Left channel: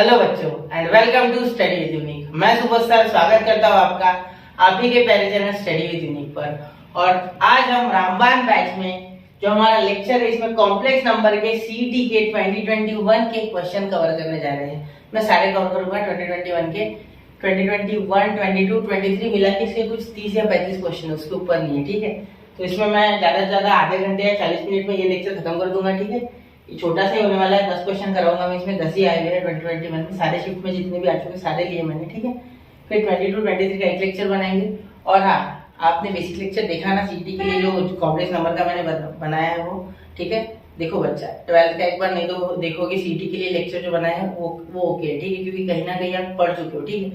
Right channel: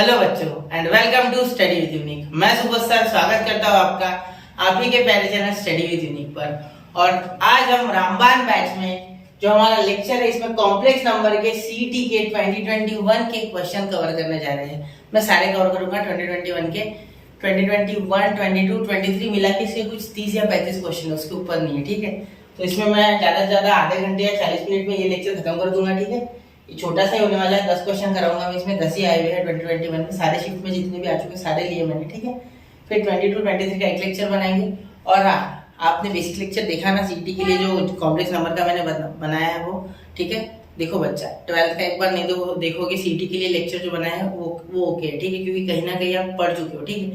Hello बच्चों and welcome to study with Unique. मैं Subodh sir स्वागत करता हूँ आपका आप ही के प्यारे चैनल स्टडी विद यूनिक पर। और आज हम रामबाण बैच में जो हमारा लेक्चर है इसमें कॉम्प्लेक्स नंबर के सीईटी के 2021 के क्वेश्चन कवर करने जा रहे हैं। मैं सारे कवर करूंगा 2021 के 2021, 22, 23 मिला के इसके कुछ 30 या 35 क्वेश्चन है, उसके ऊपर नहीं है। ठीक है, तो इसमें मैं ज़्यादा से ज़्यादा आधे घंटे या 40 मिनट में ये लेक्चर खत्म कर दूंगा। ठीक है, छोटा सा ही होने वाला है, 10 क्वेश्चन कराऊंगा मैं। इसमें 10 ही आए हुए हैं 2021 में, सारे शिफ्ट में जितने भी आ चुके सारे लिए मैंने। ठीक है, फिर 22, 23 का एक लेक्चर बनाएंगे। और हाँ, आपने बेसिक लेक्चर देखा ना सीईटी के लिए जो कॉम्प्लेक्स नंबर का मैंने बनाया है वो। ठीक है, देखो बच्चा 12th का एक बार नहीं तो देखोगे सीईटी के लिए लेक्चर जो बनाया है वो ओके है। ठीक है, क्योंकि कहीं ना कहीं आप पढ़ चुके हो। ठीक है,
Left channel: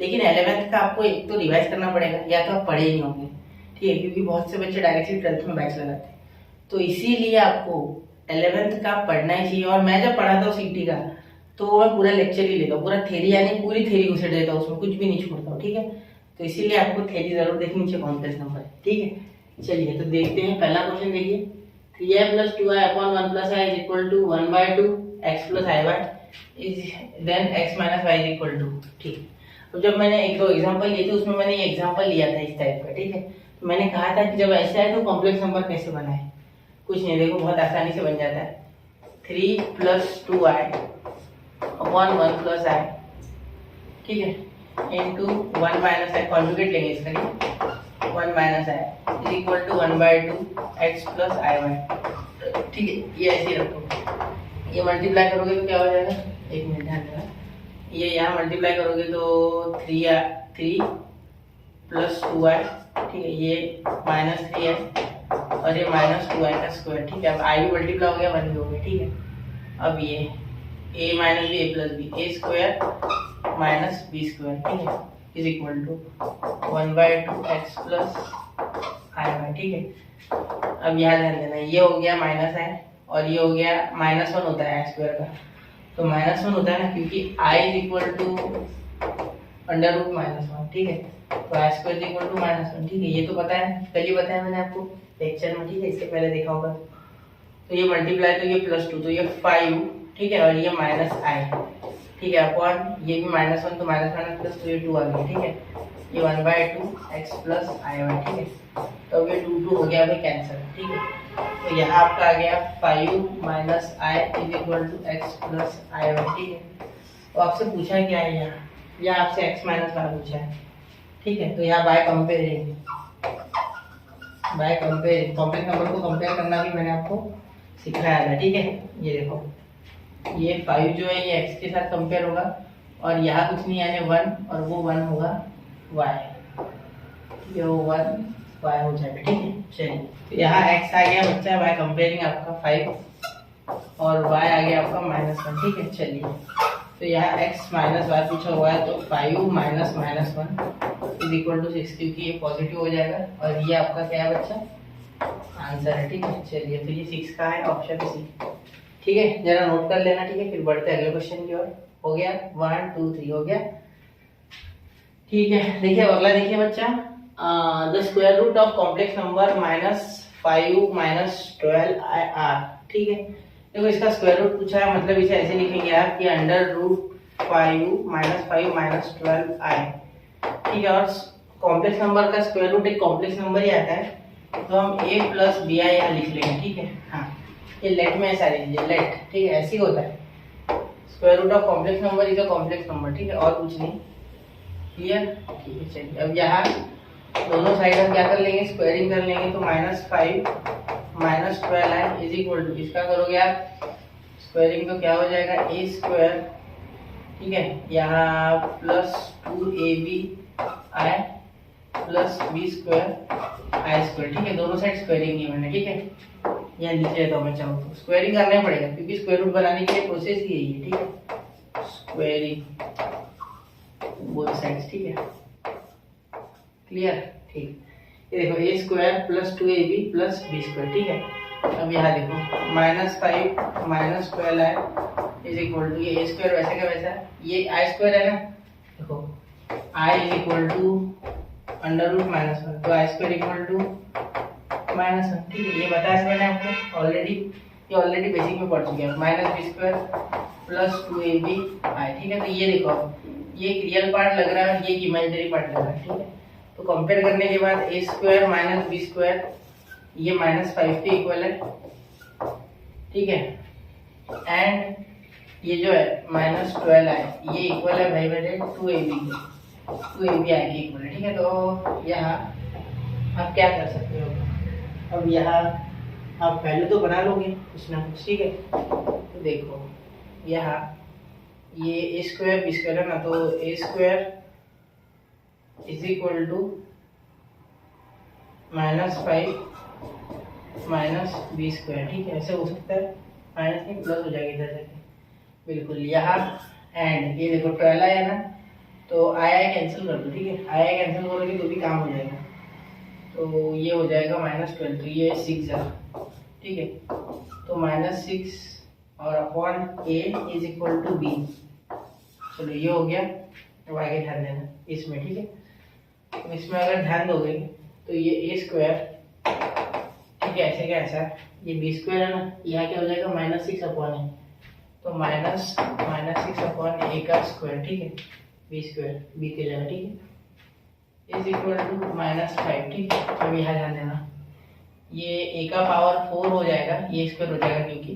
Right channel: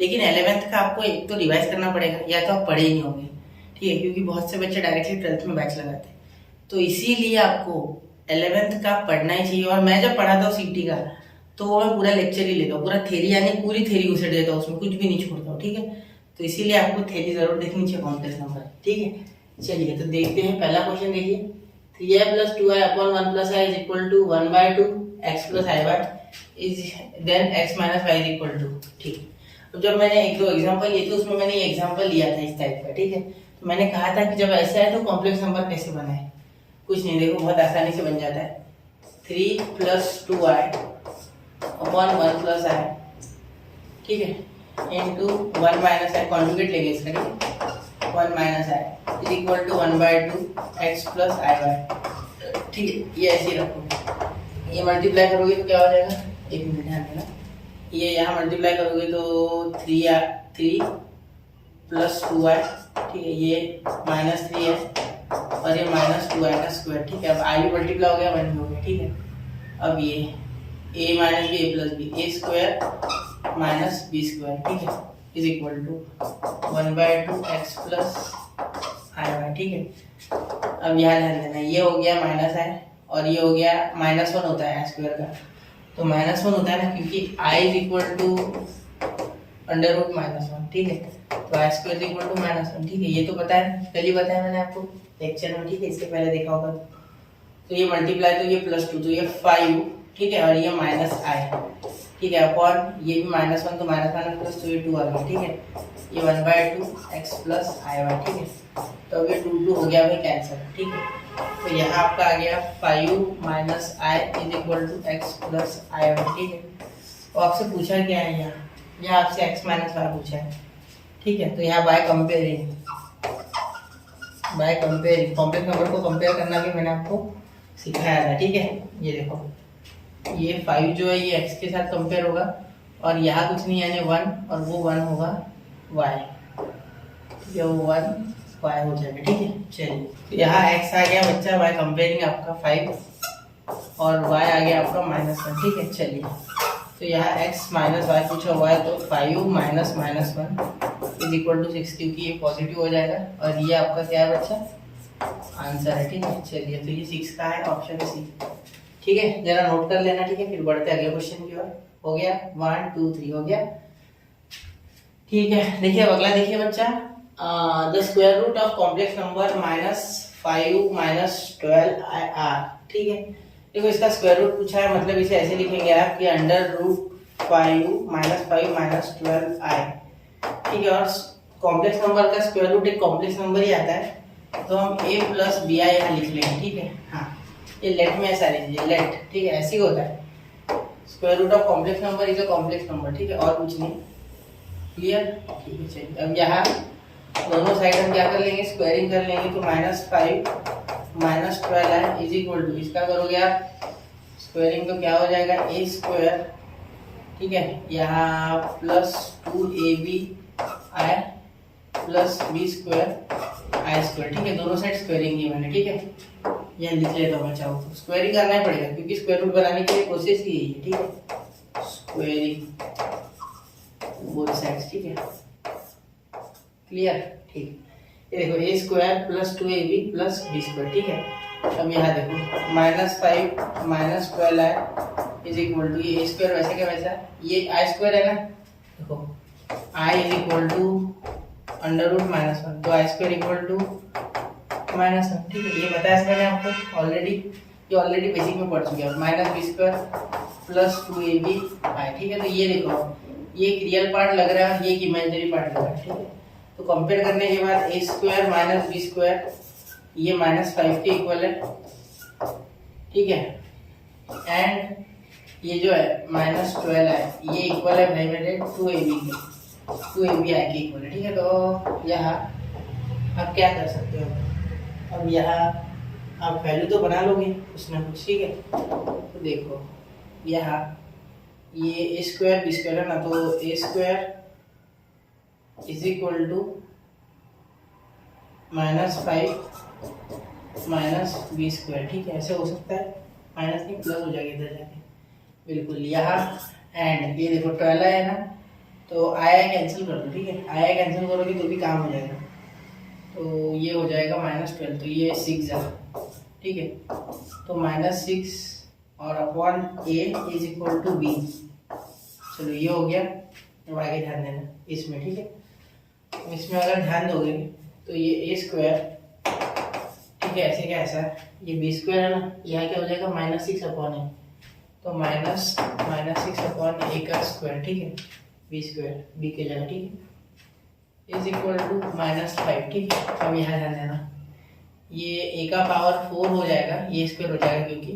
लेकिन 11th का आपको एक तो रिवाइज करना पड़ेगा, या तो आप पढ़े ही नहीं होंगे। ठीक है, क्योंकि बहुत से बच्चे डायरेक्टली 12th में बैच लगाते हैं, तो इसीलिए आपको 11th का पढ़ना ही चाहिए। और मैं जब पढ़ाता हूँ सीईटी का तो वो मैं पूरा लेक्चर ही लेता हूँ, पूरा थ्योरी यानी पूरी थ्योरी घुसेड़ देता हूँ, उसमें कुछ भी नहीं छोड़ता हूँ। ठीक है, तो इसीलिए आपको थ्योरी जरूर देखनी चाहिए कॉम्प्लेक्स नंबर। ठीक है, चलिए तो देखते हैं। पहला क्वेश्चन देखिए, 3i + 2i / 1 + i = 1/2 x + i is then x - y = 2। ठीक, तो जब मैंने एक दो एग्जांपल लिए थे उसमें मैंने ये एग्जांपल लिया था इस टाइप का। ठीक है, तो मैंने कहा था कि जब ऐसे आए तो कॉम्प्लेक्स नंबर कैसे बनाए। कुछ नहीं, देखो बहुत आसानी से बन जाता है। 3 + 2i / 1 + i, ठीक है, इंटू 1 - i, कॉन्जुगेट लेंगे इसका। 1 - i = 1/2 x + iy। ठीक है, ये ऐसे ही रखो। ये मल्टीप्लाई करोगे तो क्या हो जाएगा, एक मिनट ध्यान देना। ये यहाँ मल्टीप्लाई करोगे तो 3 + 2i, ठीक है, ये -3 है और ये -2i का स्क्वायर। ठीक है, अब i भी मल्टीप्लाई हो गया, 1 भी हो गया। ठीक है, अब ये a - b a + b a² - b², ठीक है, = 1/2 x + iy। ठीक है, अब यहाँ ध्यान देना, ये हो गया -i और ये हो गया -1 होता है i² का, तो -1 होता है ना, क्योंकि i = √-1। ठीक है, तो i² = -1। ठीक है, ये तो पता है, कल ही बताया मैंने आपको लेक्चर में। ठीक है, इससे पहले देखा होगा। तो ये मल्टीप्लाई, तो ये +2 तो ये 5, ठीक है, और ये -i, ठीक है, अपॉन ये भी -1 तो -1 प्लस, तो ये 2 आ गया। ठीक है, ये 1/2 x + iy। ठीक है, तो ये 2 हो गया भाई कैंसर। ठीक है, तो यहाँ आपका आ गया 5 - i = x + iy। ठीक है, तो आपसे पूछा क्या है यहाँ आपसे x - y पूछा है। ठीक है, तो यहाँ बाय कंपेयरिंग कॉम्प्लेक्स नंबर को कंपेयर करना भी मैंने आपको सिखाया था। ठीक है, ये देखो, ये 5 जो है ये x के साथ कंपेयर होगा और यहाँ कुछ नहीं यानी 1 और वो 1 होगा y। ठीक है, वो 1 y हो जाएगा। ठीक है, चलिए, तो यहाँ x आ गया बच्चा बाय कंपेयरिंग आपका 5 और y आ गया आपका -1। ठीक है, चलिए, तो यहाँ x - y पूछा हुआ है, तो 5 - -1 = 6, क्योंकि ये पॉजिटिव हो जाएगा और ये आपका क्या है बच्चा, आंसर है। ठीक है, चलिए, तो ये 6 का है, ऑप्शन सी। ठीक है, जरा नोट कर लेना। ठीक है, फिर बढ़ते अगले क्वेश्चन की ओर। हो गया 1 2 3 हो गया। ठीक है, देखिए अगला देखिए बच्चा, the square root of complex number -5 - 12r। ठीक है, देखो इसका स्क्वायर रूट पूछा है, मतलब इसे ऐसे लिखेंगे आप कि √5 - 5 - 12i। ठीक है, और कॉम्प्लेक्स नंबर का स्क्वायर रूट एक कॉम्प्लेक्स नंबर ही आता है, तो हम a + bi यहाँ लिख लेंगे। ठीक है, हाँ, ये लेट में ऐसा लीजिए, लेट। ठीक है, ऐसे ही होता है, square root of complex number is a complex number. ठीक है, और कुछ नहीं, क्लियर। ठीक है, चलिए, अब यहाँ दोनों साइड हम क्या कर लेंगे, स्क्वायरिंग कर लेंगे, तो -5 - 12i = इसका करोगे आप स्क्वायरिंग तो क्या हो जाएगा, a²। ठीक है, यहाँ +2abi + b² i²। ठीक है, दोनों साइड स्क्वायरिंग की मैंने। ठीक है, यहाँ लिख लेता हूँ मैं, चाहूँ तो स्क्वायरिंग करना ही पड़ेगा क्योंकि स्क्वायर रूट बनाने के लिए प्रोसेस ही यही है। ठीक है, स्क्वायरिंग बोथ साइड्स। ठीक है, क्लियर। ठीक, ये देखो a² + 2ab + b²। ठीक है, अब यहाँ देखो -5 - 12i = ये a² वैसे का वैसा, ये i² है ना, देखो i = √-1, तो i² = -1। ठीक है, ये बताया मैंने आपको ऑलरेडी, ये ऑलरेडी बेसिक में पढ़ चुके हैं। -b² प्लस 2ab आई, ठीक है। तो ये देखो ये एक रियल पार्ट लग रहा है, ये एक इमेजिनरी पार्ट लग रहा है, ठीक है। तो कंपेयर करने के बाद a square minus B square ये -5 के इक्वल है, ठीक है। एंड ये जो है -12 है ये इक्वल है भाई मेरे 2ab के, 2ab आई के इक्वल है, ठीक है। तो यहाँ आप क्या कर सकते हो, अब यहाँ आप वैल्यू तो बना लोगे कुछ ना कुछ, ठीक है। तो देखो यहाँ ये a स्क्वायर बी स्क्वायर है ना, तो a square is equal to -5 minus B square, ठीक है। ऐसे हो सकता है, माइनस नहीं प्लस हो जाएगा इधर जाके, बिल्कुल यहाँ। एंड ये देखो 12 है ना, तो आया कैंसिल कर दो, ठीक है। आया कैंसिल करोगे तो भी काम हो जाएगा, तो ये हो जाएगा -12, तो ये 6 है, ठीक है। तो -6 और upon a is equal to b, चलो ये हो गया। अब आगे ध्यान देना इसमें, ठीक है। तो इसमें अगर ध्यान दोगे तो ये a स्क्वायर, ठीक है, ऐसे क्या ऐसा ये b स्क्वायर है ना, यहाँ क्या हो जाएगा -6 अपॉन a, तो -6 अपॉन a का स्क्वायर, ठीक है, b स्क्वायर b के जगह, ठीक है, इज इक्वल टू -5, ठीक है। अब यहाँ ध्यान देना ये a का पावर 4 हो जाएगा, ये स्क्वायर हो जाएगा क्योंकि,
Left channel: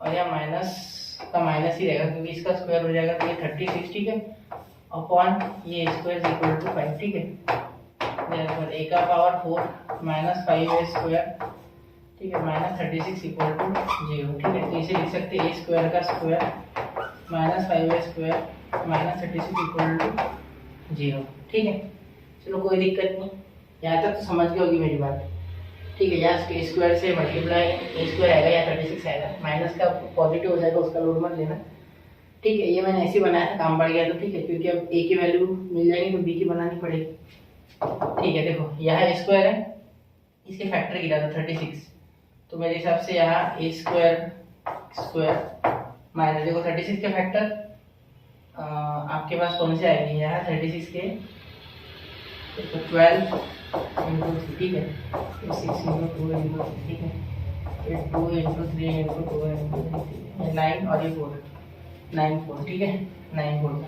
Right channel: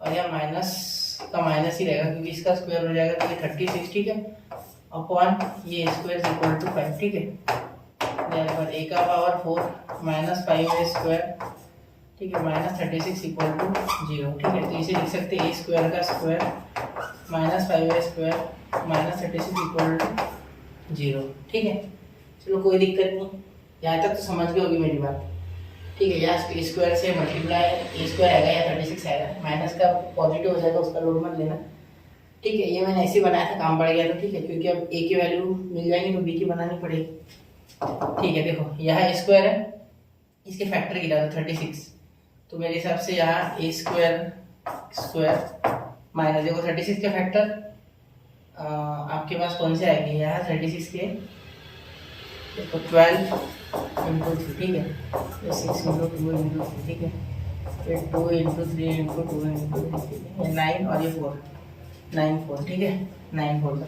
और यहाँ माइनस का माइनस ही रहेगा क्योंकि इसका स्क्वायर हो जाएगा, तो ये 36, ठीक है, अपॉन ये स्क्वायर इज इक्वल टू 5, ठीक है। देयरफॉर a का पावर 4 -5a स्क्वायर, ठीक है, -36 इक्वल टू 0, ठीक है। तो इसे लिख सकते हैं a स्क्वायर का square -5a square -36 equal to 0, ठीक है। चलो कोई दिक्कत नहीं, यहाँ तक तो समझ गए होगी मेरी बात, ठीक है। यहाँ a स्क्वायर से मल्टीप्लाई a स्क्वायर आएगा या 36 आएगा, माइनस का पॉजिटिव हो जाएगा, उसका लोड मत लेना, ठीक है। ये मैंने ऐसे बनाया था, काम पड़ गया तो, ठीक है, क्योंकि अब a की वैल्यू मिल जाएगी तो b की बनानी पड़ेगी, ठीक है। देखो यहाँ a स्क्वायर है, इसके फैक्टर गिरा तो 36, तो मेरे हिसाब से यहाँ a स्क्वायर माइनस, देखो 36 के फैक्टर आपके पास कौन से आएंगे, यहाँ 36 के देखो 12 इंटू 3, ठीक है, ये 6 इंटू 2 इंटू 3, ठीक है, ये 2 इंटू 3 इंटू 2 इंटू 3, ठीक है, ये 9 और ये 9 4, ठीक है, 9 4 का,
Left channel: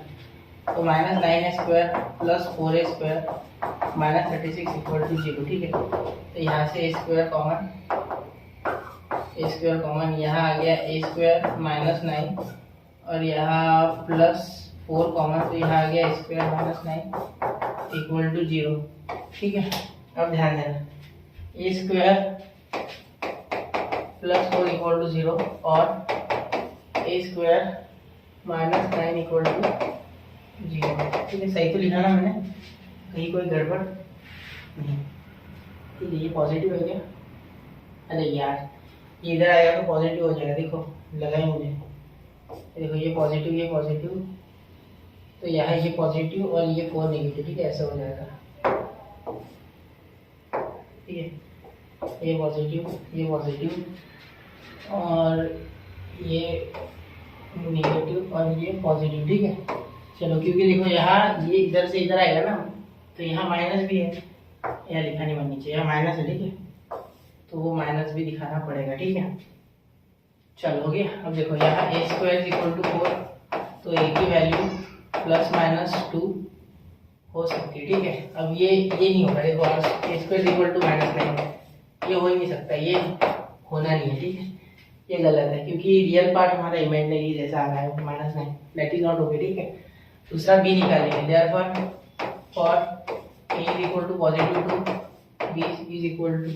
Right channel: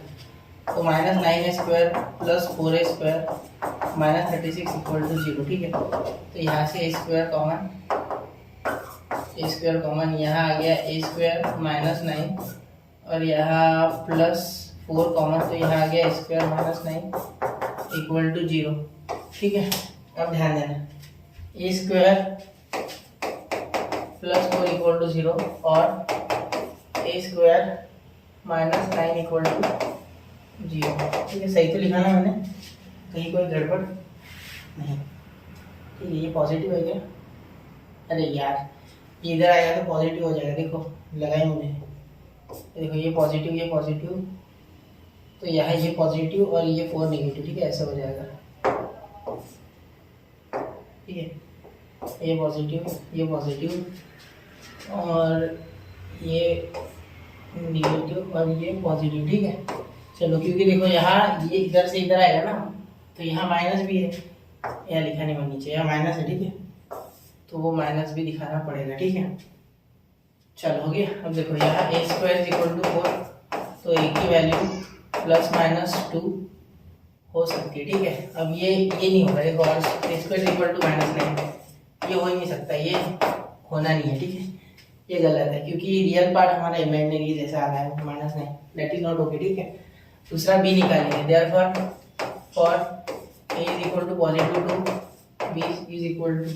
तो -9a square plus 4a square -36 equal to 0, ठीक है। तो यहाँ से a स्क्वायर कॉमन, यहाँ आ गया a स्क्वायर -9 और यहाँ +4 कॉमन, तो यहाँ आ गया a स्क्वायर -9 इक्वल टू 0, ठीक है। अब ध्यान देना a स्क्वायर +4 इक्वल टू 0 और a स्क्वायर -9 इक्वल टू 0, ठीक है। सही तो लिखा ना मैंने, कहीं कोई गड़बड़ नहीं, ठीक है। ये पॉजिटिव है क्या, अरे यार ये इधर आएगा तो पॉजिटिव हो जाएगा, देखो लगाए मुझे, देखो ये पॉजिटिव, तो यहाँ ये पॉजिटिव और ये 4 नेगेटिव, ठीक है, ऐसा हो जाएगा, ठीक है। ये पॉजिटिव और ये नेगेटिव और ये पॉजिटिव, ठीक है। चलो क्योंकि देखो यहाँ ये इधर से इधर आएगा ना, तो यहाँ माइनस भी है, यहाँ लिखा नहीं बननी चाहिए, यहाँ माइनस है, ठीक है, तो वो माइनस भी दिखाना पड़ेगा, ठीक है। चलो हो गया। अब देखो यहाँ a स्क्वायर इक्वल टू 4, तो a की वैल्यू ±2 हो सकती है, ठीक है। अब ये नहीं होगा, देखो a स्क्वायर इक्वल टू -9 ये हो ही नहीं सकता, ये होना नहीं है, ठीक है, ये गलत है क्योंकि रियल पार्ट हमारा इमेजिनरी जैसा आ रहा है -9, दैट इज नॉट ओके, ठीक है। दूसरा b निकालेंगे, therefore for a is equal to +2 b is equal to,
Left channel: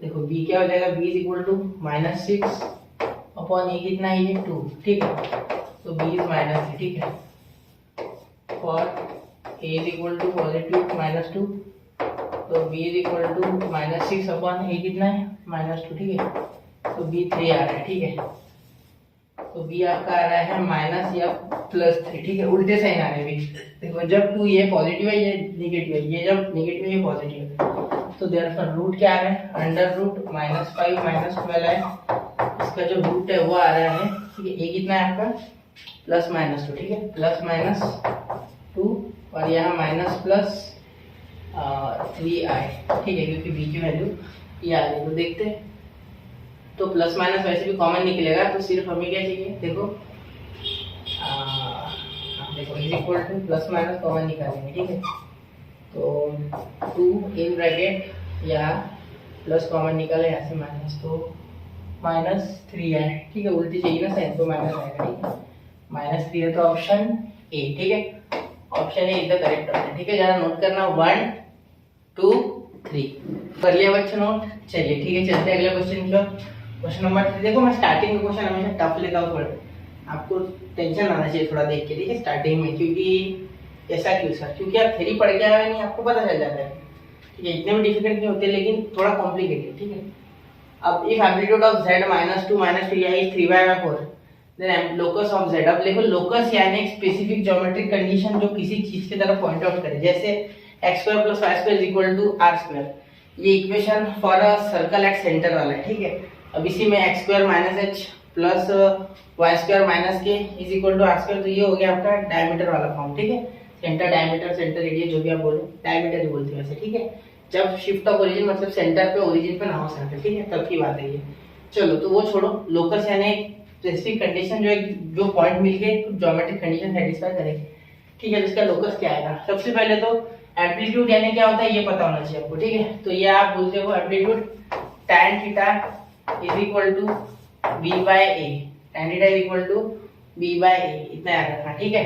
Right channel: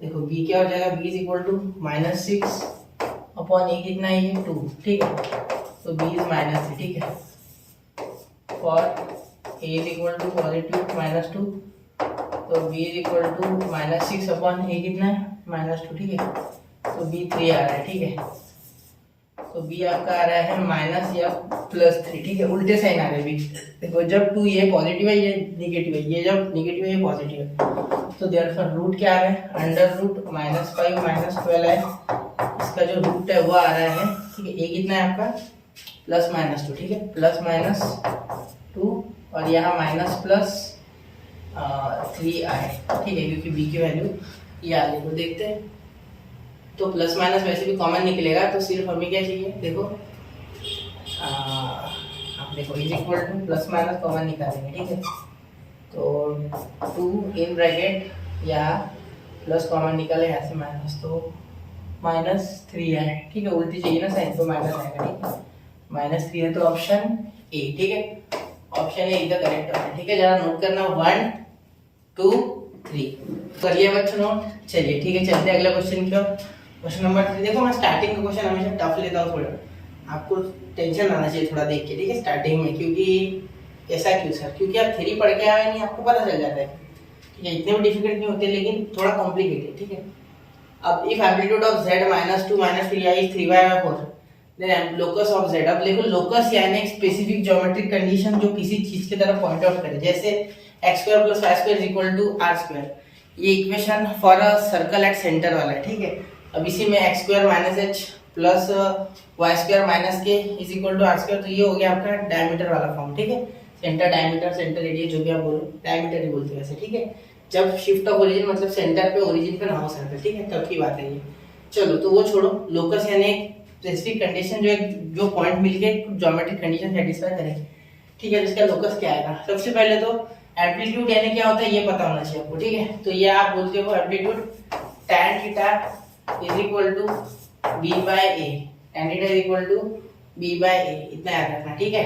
देखो b क्या हो जाएगा, b is equal to -6 upon a कितना है ये 2, ठीक है, तो b इज -3, ठीक है। For a is equal to +2 तो b is equal to -6 upon a कितना है -2, ठीक है, तो b 3 आ रहा है, ठीक है। तो b आपका आ रहा है माइनस या +3, ठीक है, उल्टे साइन आ रहे हैं। देखो जब 2 ये पॉजिटिव है ये नेगेटिव है, ये जब नेगेटिव है ये पॉजिटिव है, तो देयरफॉर रूट क्या आ रहा है, अंडर रूट -5 -12 है, इसका जो रूट है वो आ रहा है, ठीक है। a कितना है आपका +-2, ठीक है, +-2 और यहाँ -+3 आए, ठीक है, क्योंकि b की वैल्यू ये आ गई। तो देखते हैं, तो प्लस माइनस वैसे भी कॉमन निकलेगा, तो सिर्फ हमें क्या चाहिए, देखो देखो is equal to plus minus common निकालेंगे, ठीक है। तो 2 इन ब्रैकेट या प्लस कॉमन निकाले यहाँ से माइनस, तो -3 है, ठीक है। उल्टी चाहिए ना साइन, तो माइनस आएगा, ठीक है। -3 है तो ऑप्शन ए, ठीक है। Option A is the correct option, ठीक है। जरा नोट करना 1 2 3 कर लिया बच्चों नोट। चलिए ठीक है, चलते हैं अगले क्वेश्चन की ओर। Question number 3। देखो मैं स्टार्टिंग का क्वेश्चन हमेशा टफ लेता हूँ थोड़ा, आपको टेंशन आना चाहिए थोड़ा देख के, ठीक है, स्टार्टिंग में। क्योंकि ऐसा क्यों सर? क्योंकि आप थ्योरी पढ़ के आए नहीं, आपको पता चल जाता है, ठीक है। इतने भी डिफिकल्ट नहीं होते, लेकिन थोड़ा कॉम्प्लिकेटेड, ठीक है। अब if amplitude of z -2 -3i is 3y/4 then locus of z। अब देखो लोकस यानी एक स्पेसिफिक ज्योमेट्रिक कंडीशन जो किसी चीज की तरफ पॉइंट आउट करे, जैसे x² + y² = r²। ये equation for a circle at centre वाला है, ठीक है। अब इसी में x² - h plus y² - k = r², तो ये हो गया आपका डायमीटर वाला फॉर्म, ठीक है। सेंटर डायमीटर सेंटर रेडियस जो भी आप बोलो, डायमीटर ही बोलते हैं वैसे, ठीक है। जब शिफ्ट ऑफ ओरिजिन मतलब सेंटर पे ओरिजिन पे ना हो सर्कल, ठीक है, तब की बात है ये। चलो तो वो छोड़ो, लोकस यानी एक स्पेसिफिक कंडीशन जो पॉइंट मिलके ज्योमेट्रिक कंडीशन सेटिस्फाई करे, ठीक है। इसका लोकस क्या आएगा? सबसे पहले तो एम्पलीट्यूड यानी क्या होता है ये पता होना चाहिए आपको, ठीक है। तो ये आप बोलते हो amplitude tan theta = b/a, tan theta = b/a, इतना याद रखना, ठीक है।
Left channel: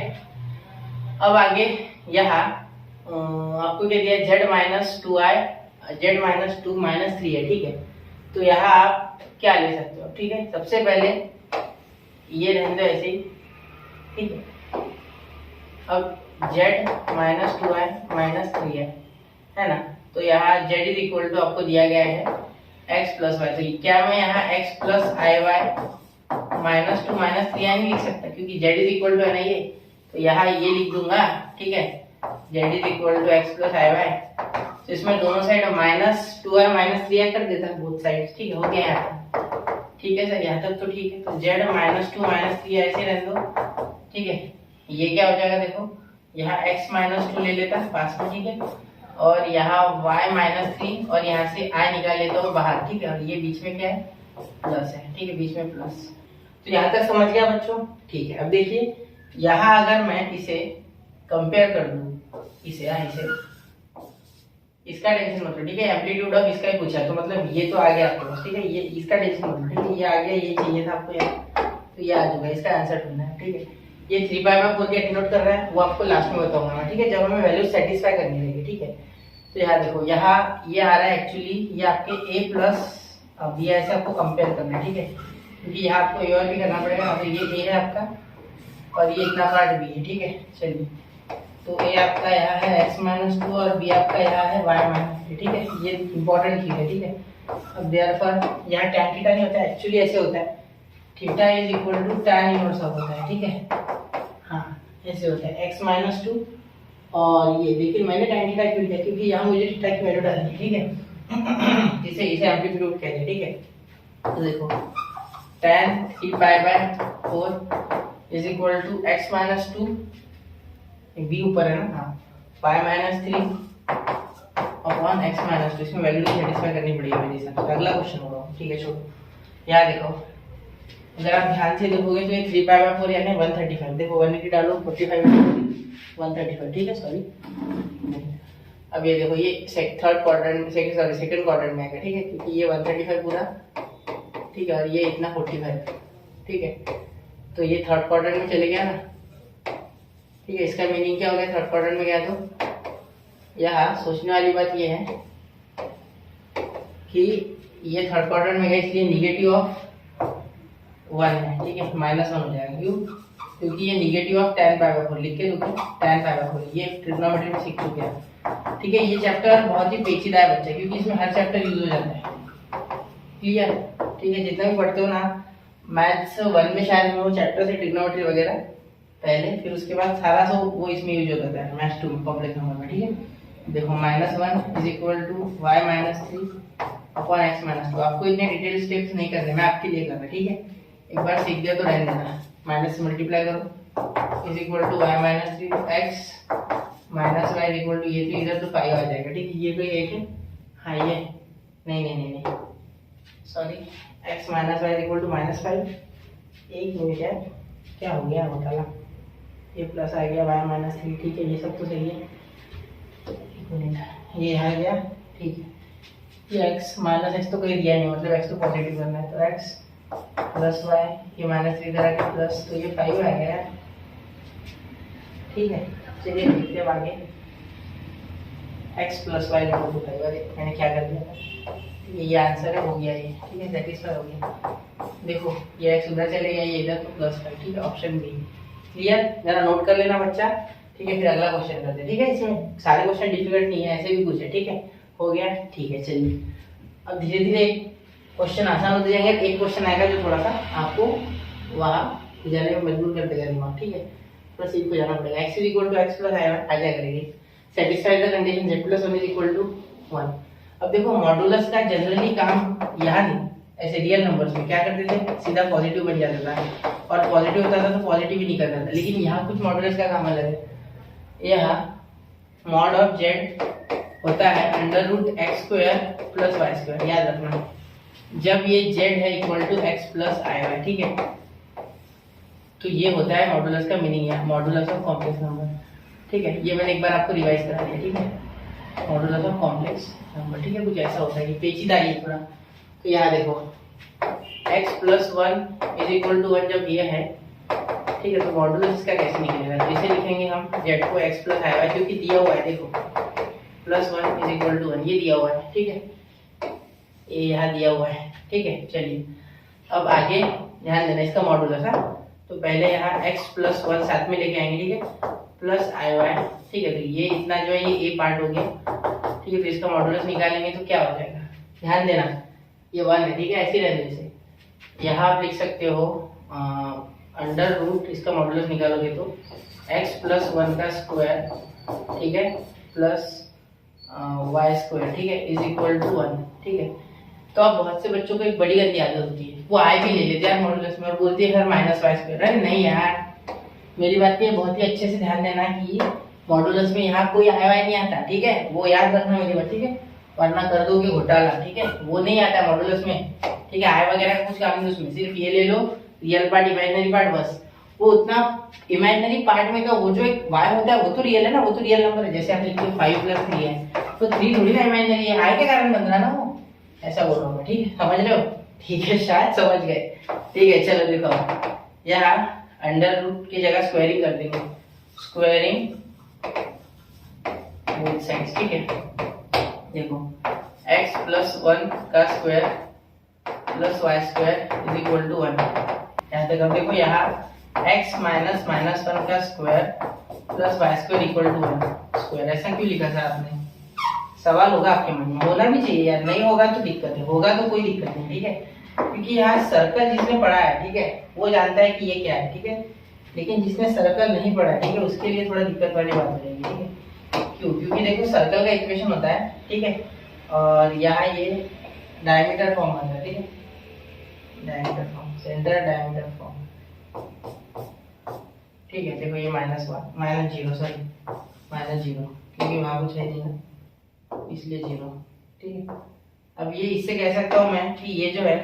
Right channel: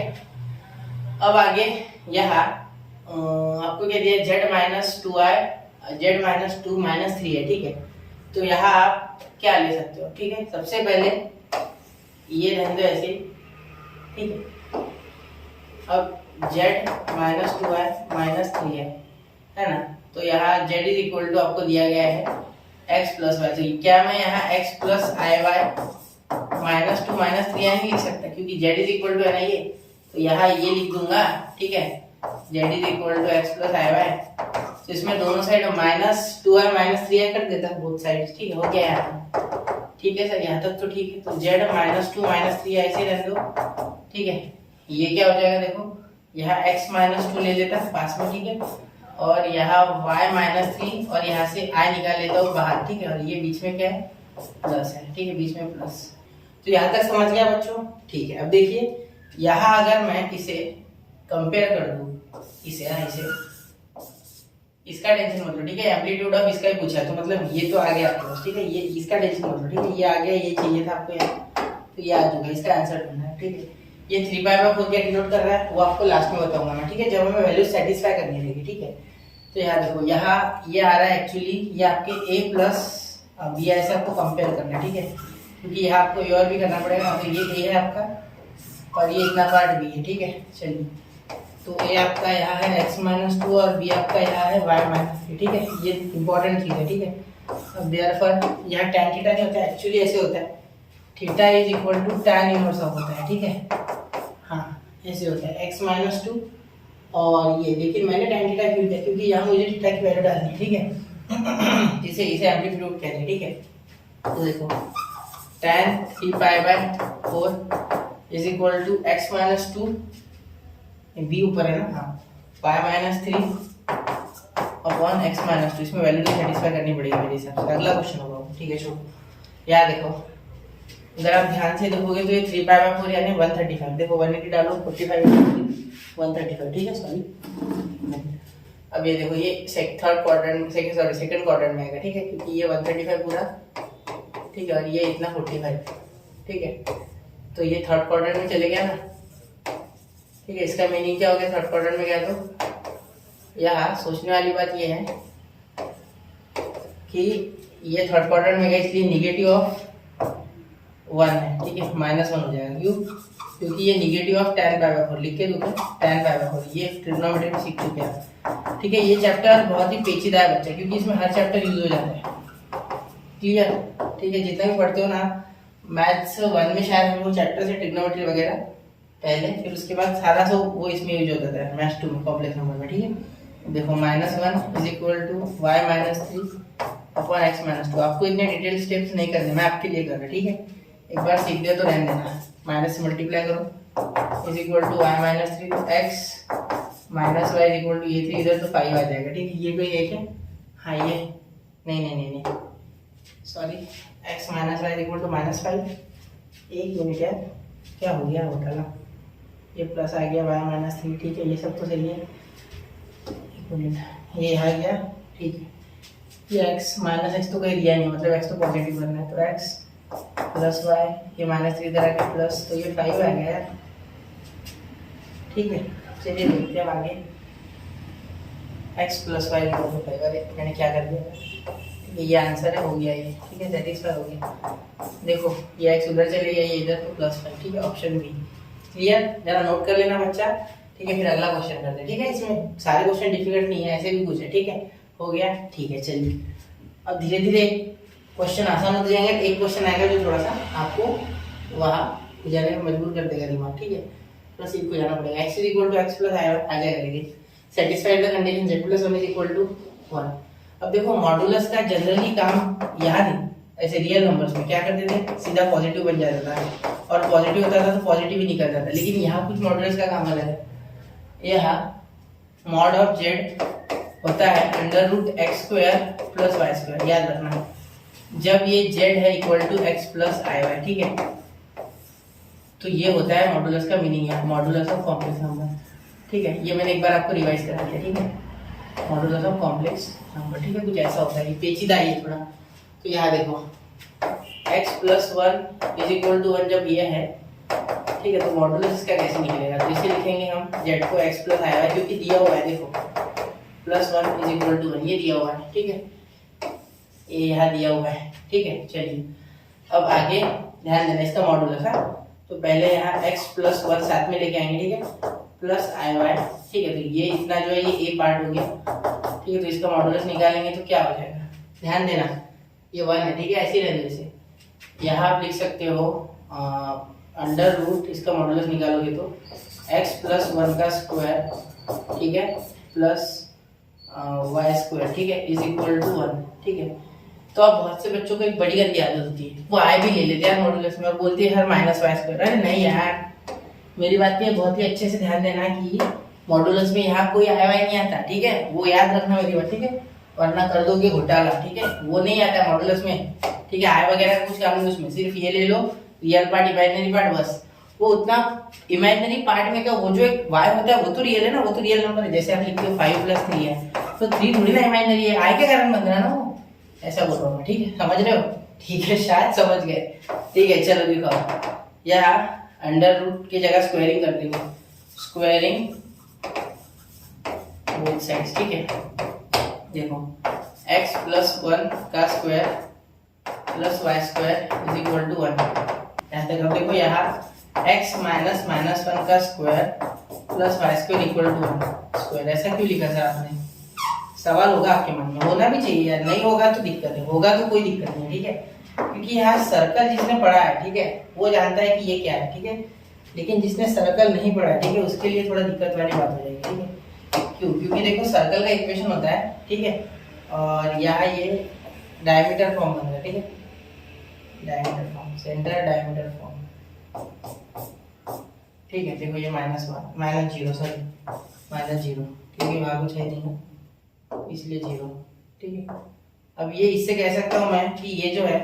अब आगे यहाँ आपको क्या दिया? z - 2 - 3 है, ठीक है। तो यहाँ आप क्या ले सकते हो, ठीक है। सबसे पहले ये रहने दो ऐसे ही, ठीक है। अब z - 2i - 3 है ना। तो यहाँ z = आपको दिया गया है x + y। तो क्या मैं यहाँ x + iy -2 - 3i नहीं लिख सकता? क्योंकि z = है ना ये, तो यहाँ ये लिख दूंगा, ठीक है। z = x + iy, तो इसमें दोनों साइड -2i - 3i कर देता है, बोथ साइड्स, ठीक है। हो गया यहाँ, ठीक है सर, यहाँ तक तो ठीक है। तो z -2 - 3 ऐसे रहने दो, ठीक है। ये क्या हो जाएगा? देखो यहाँ x -2 ले लेता है पास में, ठीक है। और यहाँ y - 3 और यहाँ से i निकाल लेता हूँ बाहर, ठीक है। और ये बीच में क्या है? प्लस है, ठीक है, बीच में प्लस। तो यहाँ तक समझ गया बच्चों? ठीक है। अब देखिए यहाँ अगर मैं इसे कंपेयर कर दूं इसे इसका टेंशन मत लो, ठीक है। एम्पलीट्यूड ऑफ इसका ही पूछा है, तो मतलब ये तो आ गया आपके पास, ठीक है। ये इसका टेंशन मत लो, ठीक है। ये आ गया, ये चाहिए था आपको यार, तो ये आ चुका है, इसका आंसर ढूंढना है, ठीक है। ये 3π/4 क्या डिनोट कर रहा है वो आपको लास्ट में बताऊंगा मैं, ठीक है, जब हमें वैल्यू सेटिस्फाई करनी रहेगी, ठीक है। तो यहाँ देखो, यहाँ ये आ रहा है एक्चुअली, ये आपके a + b ऐसे आपको कंपेयर करना है, ठीक है। क्योंकि यहाँ आपको ए और भी करना पड़ेगा, तो ये a है आपका और ये इतना पार्ट b है, ठीक है। चलिए तो a आपका यहाँ है x - 2 और b आपका यहाँ है y - 3, ठीक है। ये इंपॉर्टेंट चीज है, ठीक है। अब देयरफॉर यहाँ tan थीटा नहीं होता है, एक्चुअली ऐसे होता है, थीटा = tan इनवर्स ऑफ होता है, ठीक है। हाँ ऐसे होता है x - 2 और ये, लेकिन मैंने tan थीटा क्यों लिया? क्योंकि यहाँ मुझे थीटा की वैल्यू डालनी है, ठीक है। इसे एम्पलीट्यूड कहते हैं, ठीक है। तो देखो tan 3π/4 = x - 2, b ऊपर है ना, हाँ, y - 3 अपॉन x - 2। इसमें वैल्यू नहीं सेटिस्फाई करनी पड़ेगी मेरे हिसाब से। अगला क्वेश्चन होगा, ठीक है। छोड़ो, यहाँ देखो, अगर आप ध्यान से देखोगे तो ये 3π/4 यानी 135। देखो 180 डालो, 45 × 135, ठीक है, सॉरी। अब ये देखो, ये सेकंड क्वाड्रेंट में आएगा, ठीक है, क्योंकि ये 135 पूरा, ठीक है, और ये इतना 45, ठीक है। तो ये थर्ड क्वाड्रेंट में चले गया ना, ठीक है। इसका मीनिंग क्या हो गया थर्ड क्वाड्रेंट में गया? तो यहाँ सोचने वाली बात ये है कि ये थर्ड क्वाड्रेंट में गया, इसलिए निगेटिव ऑफ 1 है, ठीक है, -1 हो जाएगा। क्यों? क्योंकि ये निगेटिव ऑफ tan π/4 लिख के दूंगा, tan π/4 ये ट्रिग्नोमेट्री में सीख चुके हैं, ठीक है। ये चैप्टर बहुत ही पेचीदा है बच्चा, क्योंकि इसमें हर चैप्टर यूज हो जाता है, क्लियर, ठीक है। जितना भी पढ़ते हो ना, मैथ्स 1 में शायद हमें वो चैप्टर से ट्रिग्नोमेट्री वगैरह पहले, फिर उसके बाद सारा वो इसमें यूज होता है मैथ्स 2 में, कॉम्प्लेक्स नंबर में, ठीक है। देखो -1 = y - 3 अपॉन x - 2। आपको इतने डिटेल स्टेप्स नहीं करने, मैं आपके लिए कर रहा हूँ, ठीक है। एक बार सीख दिया तो रहने देना, माइनस से मल्टीप्लाई करो, = y - 3 x - y = ये 3 इधर तो 5 आ जाएगा, ठीक है। ये कोई एक है, हाँ ये नहीं सॉरी, x - y = -5। एक मिनट यार, क्या हो गया बताना, ये प्लस आ गया y माइनस 3, ठीक है, ये सब तो सही है। एक मिनट, ये आ गया, ठीक है। ये x माइनस एक्स तो कोई दिया नहीं, मतलब x तो पॉजिटिव करना है, तो x प्लस वाई, ये माइनस 3 इधर आ गया प्लस, तो ये 5 आ गया, ठीक है। चलिए देखते हैं आगे। x plus Y equal to 5, अरे मैंने क्या कर दिया था, ये आंसर है, हो गया ये, ठीक है, सेटिस्फाई हो गया। देखो ये x उधर चले गया, ये इधर, तो प्लस 5, ठीक है, ऑप्शन बी। क्लियर, जरा नोट कर लेना बच्चा, ठीक है। फिर अगला क्वेश्चन करते हैं, ठीक है। इसमें सारे क्वेश्चन डिफिकल्ट नहीं है, ऐसे भी कुछ है, ठीक है, हो गया, ठीक है। चलिए अब धीरे धीरे क्वेश्चन आसान होते जाएंगे। एक क्वेश्चन आएगा जो थोड़ा सा आपको वहाँ जाने में मजबूर कर देगा दिमाग, ठीक है, थोड़ा सीख को जाना पड़ेगा। x equal to x plus आ जाएगा, देखिए satisfied the condition z plus 1 equal to 1। अब देखो मॉडुलस का जनरली काम यहाँ नहीं, ऐसे रियल नंबर्स में क्या करते थे, सीधा पॉजिटिव बन जाता था, और पॉजिटिव होता था तो पॉजिटिव ही नहीं करता था। लेकिन यहाँ कुछ मॉडुलस का काम अलग है। यह मॉड ऑफ जेड होता है under root X square plus Y square, याद रखना, जब ये जेड है equal to x plus I Y, ठीक है। तो ये होता है मॉडुलस का मीनिंग है, मॉडुलस ऑफ कॉम्प्लेक्स नंबर, ठीक है। ये मैंने एक बार आपको रिवाइज करा दिया, ठीक है, मॉडुलस ऑफ कॉम्प्लेक्स नंबर, ठीक है, कुछ ऐसा होता है, ये पेचीदा है थोड़ा। तो यहाँ देखो x plus 1 is equal to 1 जब ये है, ठीक है, तो मॉडुलस इसका कैसे निकलेगा, तो इसे लिखेंगे हम z को x प्लस आई वाई, क्योंकि दिया हुआ है, देखो प्लस 1 इज इक्वल टू 1, ये दिया हुआ है, ठीक है, ये यहाँ दिया हुआ है, ठीक है। चलिए अब आगे ध्यान देना इसका मॉडुलस है, तो पहले यहाँ x प्लस 1 साथ में लेके आएंगे, ठीक है, प्लस आई वाई, ठीक है। तो ये इतना जो है ये a पार्ट हो गया, ठीक है, तो इसका मॉडुलस निकालेंगे तो क्या हो जाएगा, ध्यान देना, ये 1 है, ठीक है, ऐसे रहने से यहाँ आप लिख सकते हो अंडर रूट, इसका मॉडुलस निकालोगे तो x प्लस 1 का स्क्वायर, ठीक है, प्लस वाई स्क्वायर, ठीक है, इज इक्वल टू 1, ठीक है। तो अब बहुत से बच्चों को एक बड़ी गंदी आदत होती है, वो आई भी ले लेते हैं मॉडुलस में और बोलते हैं हर माइनस वाई स्क्वायर। अरे नहीं यार, मेरी बात पे बहुत ही अच्छे से ध्यान देना कि मॉडुलस में यहाँ कोई आई वाई नहीं आता, ठीक है, वो याद रखना मेरी बात, ठीक है, वरना कर दोगे घोटाला, ठीक है, वो नहीं आता मॉडुलस में, ठीक है। आई वगैरह का कुछ काम नहीं उसमें, सिर्फ ये ले लो रियल पार्ट इमेजिनरी पार्ट, बस। वो उतना इमेजिनरी पार्ट में क्या, वो जो एक y होता है वो तो रियल है ना, वो तो रियल नंबर है, जैसे आप लिखते हो 5 प्लस 3 है, तो 3 थोड़ी ना इमेजिनरी है, आई के कारण बन रहा ना वो, ऐसा बोल रहा हूँ, ठीक है, समझ रहे हो, ठीक है, शायद समझ गए, ठीक है। चलो देखो यहाँ अंडर रूट की जगह स्क्वायरिंग कर देंगे, स्क्वायरिंग बोथ साइड्स, ठीक है। देखो x प्लस 1 का square plus Y square is equal to 1, यहाँ तक। अब देखो यहाँ x माइनस माइनस 1 का square plus Y square equal to 1 square, ऐसा क्यों लिखा सर आपने, सवाल होगा आपके मन में, होना भी चाहिए यार, नहीं होगा तो दिक्कत है, होगा तो कोई दिक्कत नहीं, ठीक है, क्योंकि यहाँ सर्कल जिसने पढ़ा है, ठीक है, वो जानता है कि ये क्या है, ठीक है, लेकिन जिसने सर्कल नहीं पढ़ा है, ठीक है, उसके लिए थोड़ा दिक्कत वाली बात हो जाएगी, ठीक है। क्यों, क्योंकि देखो सर्कल का इक्वेशन होता है, ठीक है, और यहाँ ये डायमीटर फॉर्म बन रहा है, ठीक है, diameter form, centre diameter form, ठीक है। देखो ये माइनस 0, सॉरी माइनस 0, क्योंकि वहाँ कुछ है नहीं ना, इसलिए 0, ठीक है। अब ये इससे कह सकता हूँ मैं कि ये जो है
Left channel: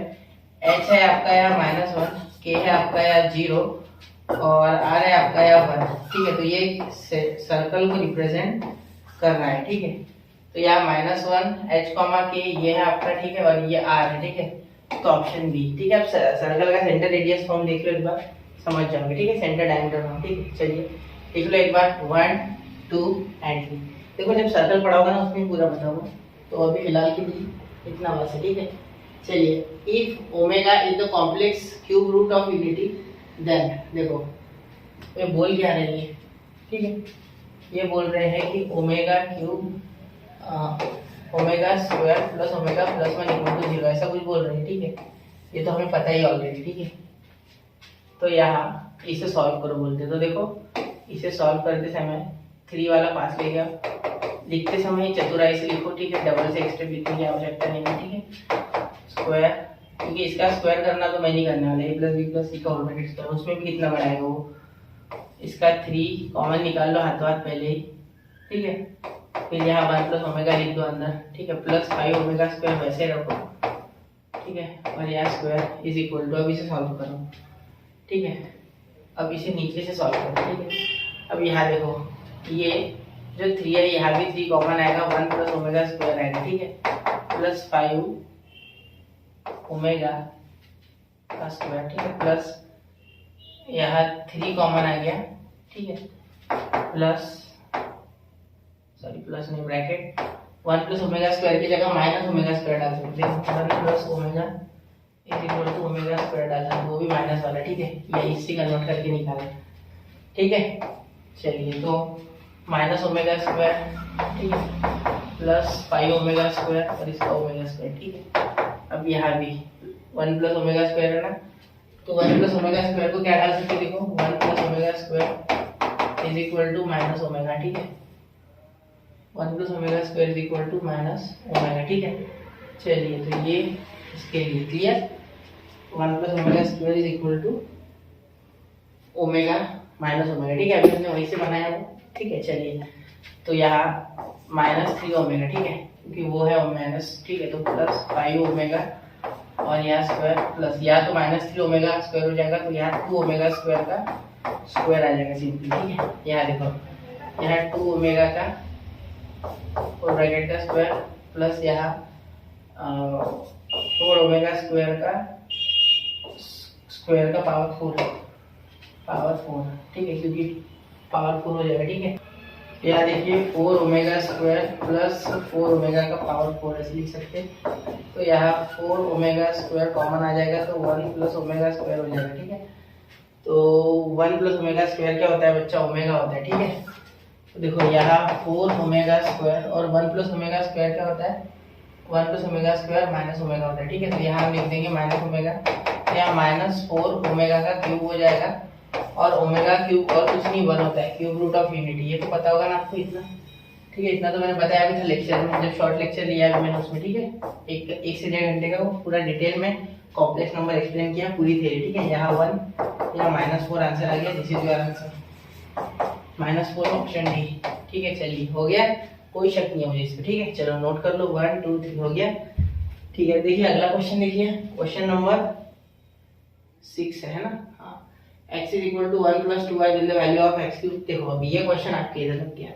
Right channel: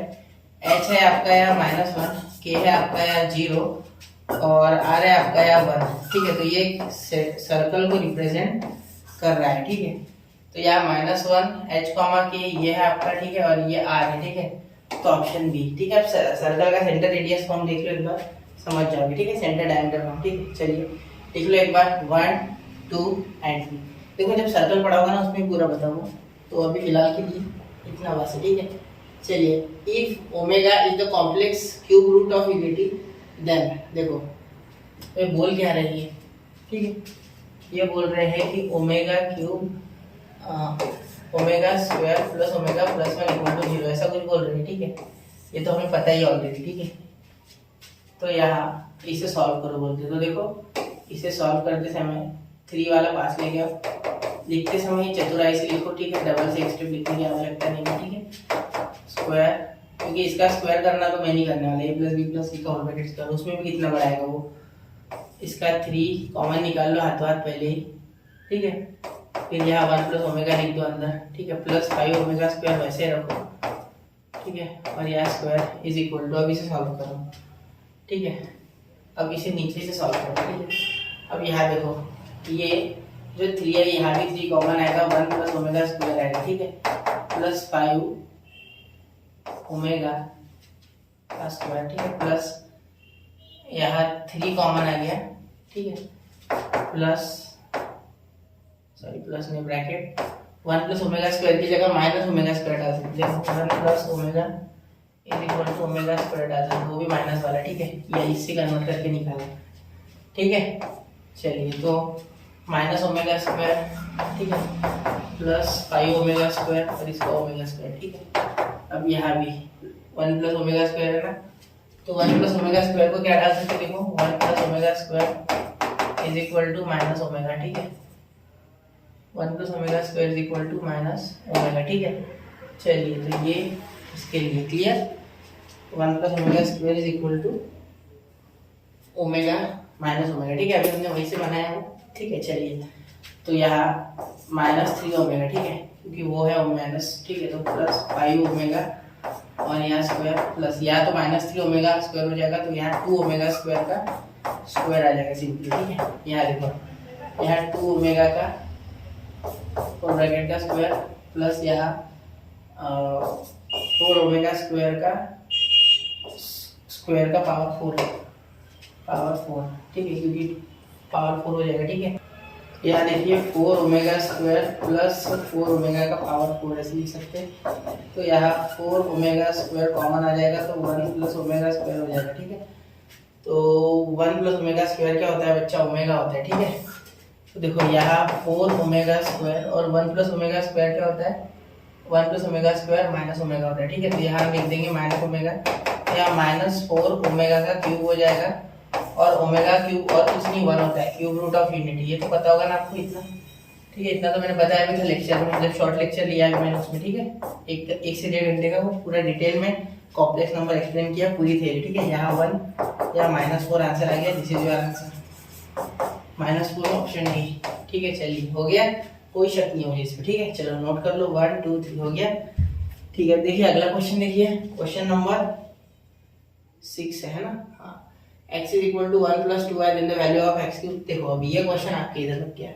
h है आपका यहाँ -1, k है आपका यहाँ 0 और r है आपका यहाँ 1, ठीक है। तो ये सर्कल को रिप्रेजेंट कर रहा है, ठीक है। तो यहाँ -1 h, k ये है आपका, ठीक है, और ये r है, ठीक है। तो ऑप्शन बी, ठीक है। अब सर्कल का सेंटर रेडियस फॉर्म देख लो एक बार, समझ जाओगे, ठीक है, सेंटर डायमीटर फॉर्म, ठीक है। चलिए देख लो एक बार 1 2 एंड 3। देखो जब सर्कल पढ़ा होगा ना उसमें पूरा बताऊंगा, तो अभी फिलहाल के लिए इतना बस है, ठीक है। चलिए if omega is the complex cube root of unity then, देखो ये बोल क्या रही है, ठीक है, ये बोल रहे हैं कि omega cube omega square plus omega plus 1 equal to 0, ऐसा कुछ बोल रहे हैं, ठीक है। ये तो हमें पता ही ऑलरेडी, ठीक है। तो यहाँ इसे सॉल्व करो बोलते, तो देखो इसे सॉल्व करते समय 3 वाला पास ले गया, लिखते समय चतुराई से लिखो, ठीक है, डबल से एक्स्ट्रा लिखने की आवश्यकता नहीं है, ठीक है। स्क्वायर, क्योंकि इसका स्क्वायर करना तो मैं नहीं करने वाला, a प्लस बी प्लस सी का होल ब्रैकेट स्क्वायर, उसमें भी कितना बड़ा आएगा वो, इसका 3 कॉमन निकाल लो हाथों हाथ पहले ही, ठीक है। फिर यहाँ 1 प्लस ओमेगा लिख दो अंदर, ठीक है, प्लस 5 ओमेगा स्क्वायर वैसे रखो, ठीक है, और यहाँ स्क्वायर इज इक्वल टू, अब इसे सॉल्व करो, ठीक है। अब इसे नीचे से सॉल्व करो, ठीक है। अब यहाँ देखो, ये जो 3 है यहाँ भी 3 कॉमन आएगा, 1 प्लस ओमेगा स्क्वायर आएगा, ठीक है, प्लस 5 ओमेगा का स्क्वायर, ठीक है, प्लस यहाँ 3 कॉमन आ गया, ठीक है, प्लस प्लस नहीं ब्रैकेट 1 प्लस ओमेगा स्क्वायर की जगह माइनस ओमेगा स्क्वायर डाल सकते हैं, 1 plus omega is equal to omega square डाल सकते हैं, वो भी माइनस वाला, ठीक है, ये इससे कन्वर्ट करके निकाला, ठीक है। चलिए तो माइनस ओमेगा स्क्वायर, ठीक है, प्लस 5 ओमेगा स्क्वायर और इसका ओमेगा स्क्वायर, ठीक है। अब यहाँ भी 1 प्लस ओमेगा स्क्वायर है ना, तो 1 प्लस ओमेगा स्क्वायर को क्या डाल सकते हैं, देखो 1 plus omega square is equal to minus omega, ठीक है, 1 plus omega square is equal to minus omega, ठीक है। चलिए तो ये इसके लिए clear, 1 plus omega square is equal to omega minus omega, ठीक है, अभी हमने वही से बनाया वो, ठीक है। चलिए तो यहाँ -3 ओमेगा, ठीक है, क्योंकि वो है माइनस, ठीक है, तो प्लस 5 ओमेगा और यहाँ स्क्वायर प्लस, या तो -3 ओमेगा स्क्वायर हो जाएगा, तो यहाँ 2 ओमेगा स्क्वायर का स्क्वायर आ जाएगा सिंपली, ठीक है। यहाँ देखो, यहाँ 2 ओमेगा का और ब्रैकेट का स्क्वायर प्लस यहाँ 4 ओमेगा स्क्वायर का पावर 4, ठीक है, क्योंकि पावर 4 हो जाएगा, ठीक है। यहाँ देखिए 4 ओमेगा स्क्वायर प्लस 4 ओमेगा का पावर 4 ऐसे लिख सकते हैं, तो यहाँ 4 ओमेगा स्क्वायर कॉमन आ जाएगा, तो 1 प्लस ओमेगा स्क्वायर हो जाएगा, ठीक है। तो 1 प्लस ओमेगा स्क्वायर क्या होता है बच्चा, ओमेगा होता है, ठीक है। तो देखो यहाँ 4 ओमेगा स्क्वायर और 1 प्लस ओमेगा स्क्वायर क्या होता है, 1 plus omega square minus omega होता है, ठीक है। तो यहाँ हम लिख देंगे माइनस ओमेगा, यहाँ -4 ओमेगा का क्यूब हो जाएगा, और ओमेगा क्यूब और कुछ नहीं 1 होता है, क्यूब रूट ऑफ यूनिटी, ये तो पता होगा ना आपको इतना, ठीक है। इतना तो मैंने बताया भी था लेक्चर में, जब शॉर्ट लेक्चर लिया है मैंने उसमें, ठीक है, एक से 1.5 घंटे का वो पूरा डिटेल में कॉम्प्लेक्स नंबर एक्सप्लेन किया, पूरी थ्योरी, ठीक है। यहाँ 1 या -4 आंसर आ गया, this is your answer, -4 option D, ठीक है। चलिए हो गया, कोई शक नहीं है मुझे इस पर, ठीक है। चलो नोट कर लो, 1 2 3 हो गया, ठीक है। देखिए अगला क्वेश्चन, देखिए क्वेश्चन नंबर 6 है ना, हाँ, x is equal to 1 plus 2y then the value of x cube. देखो अभी ये क्वेश्चन आपके इधर तक गया,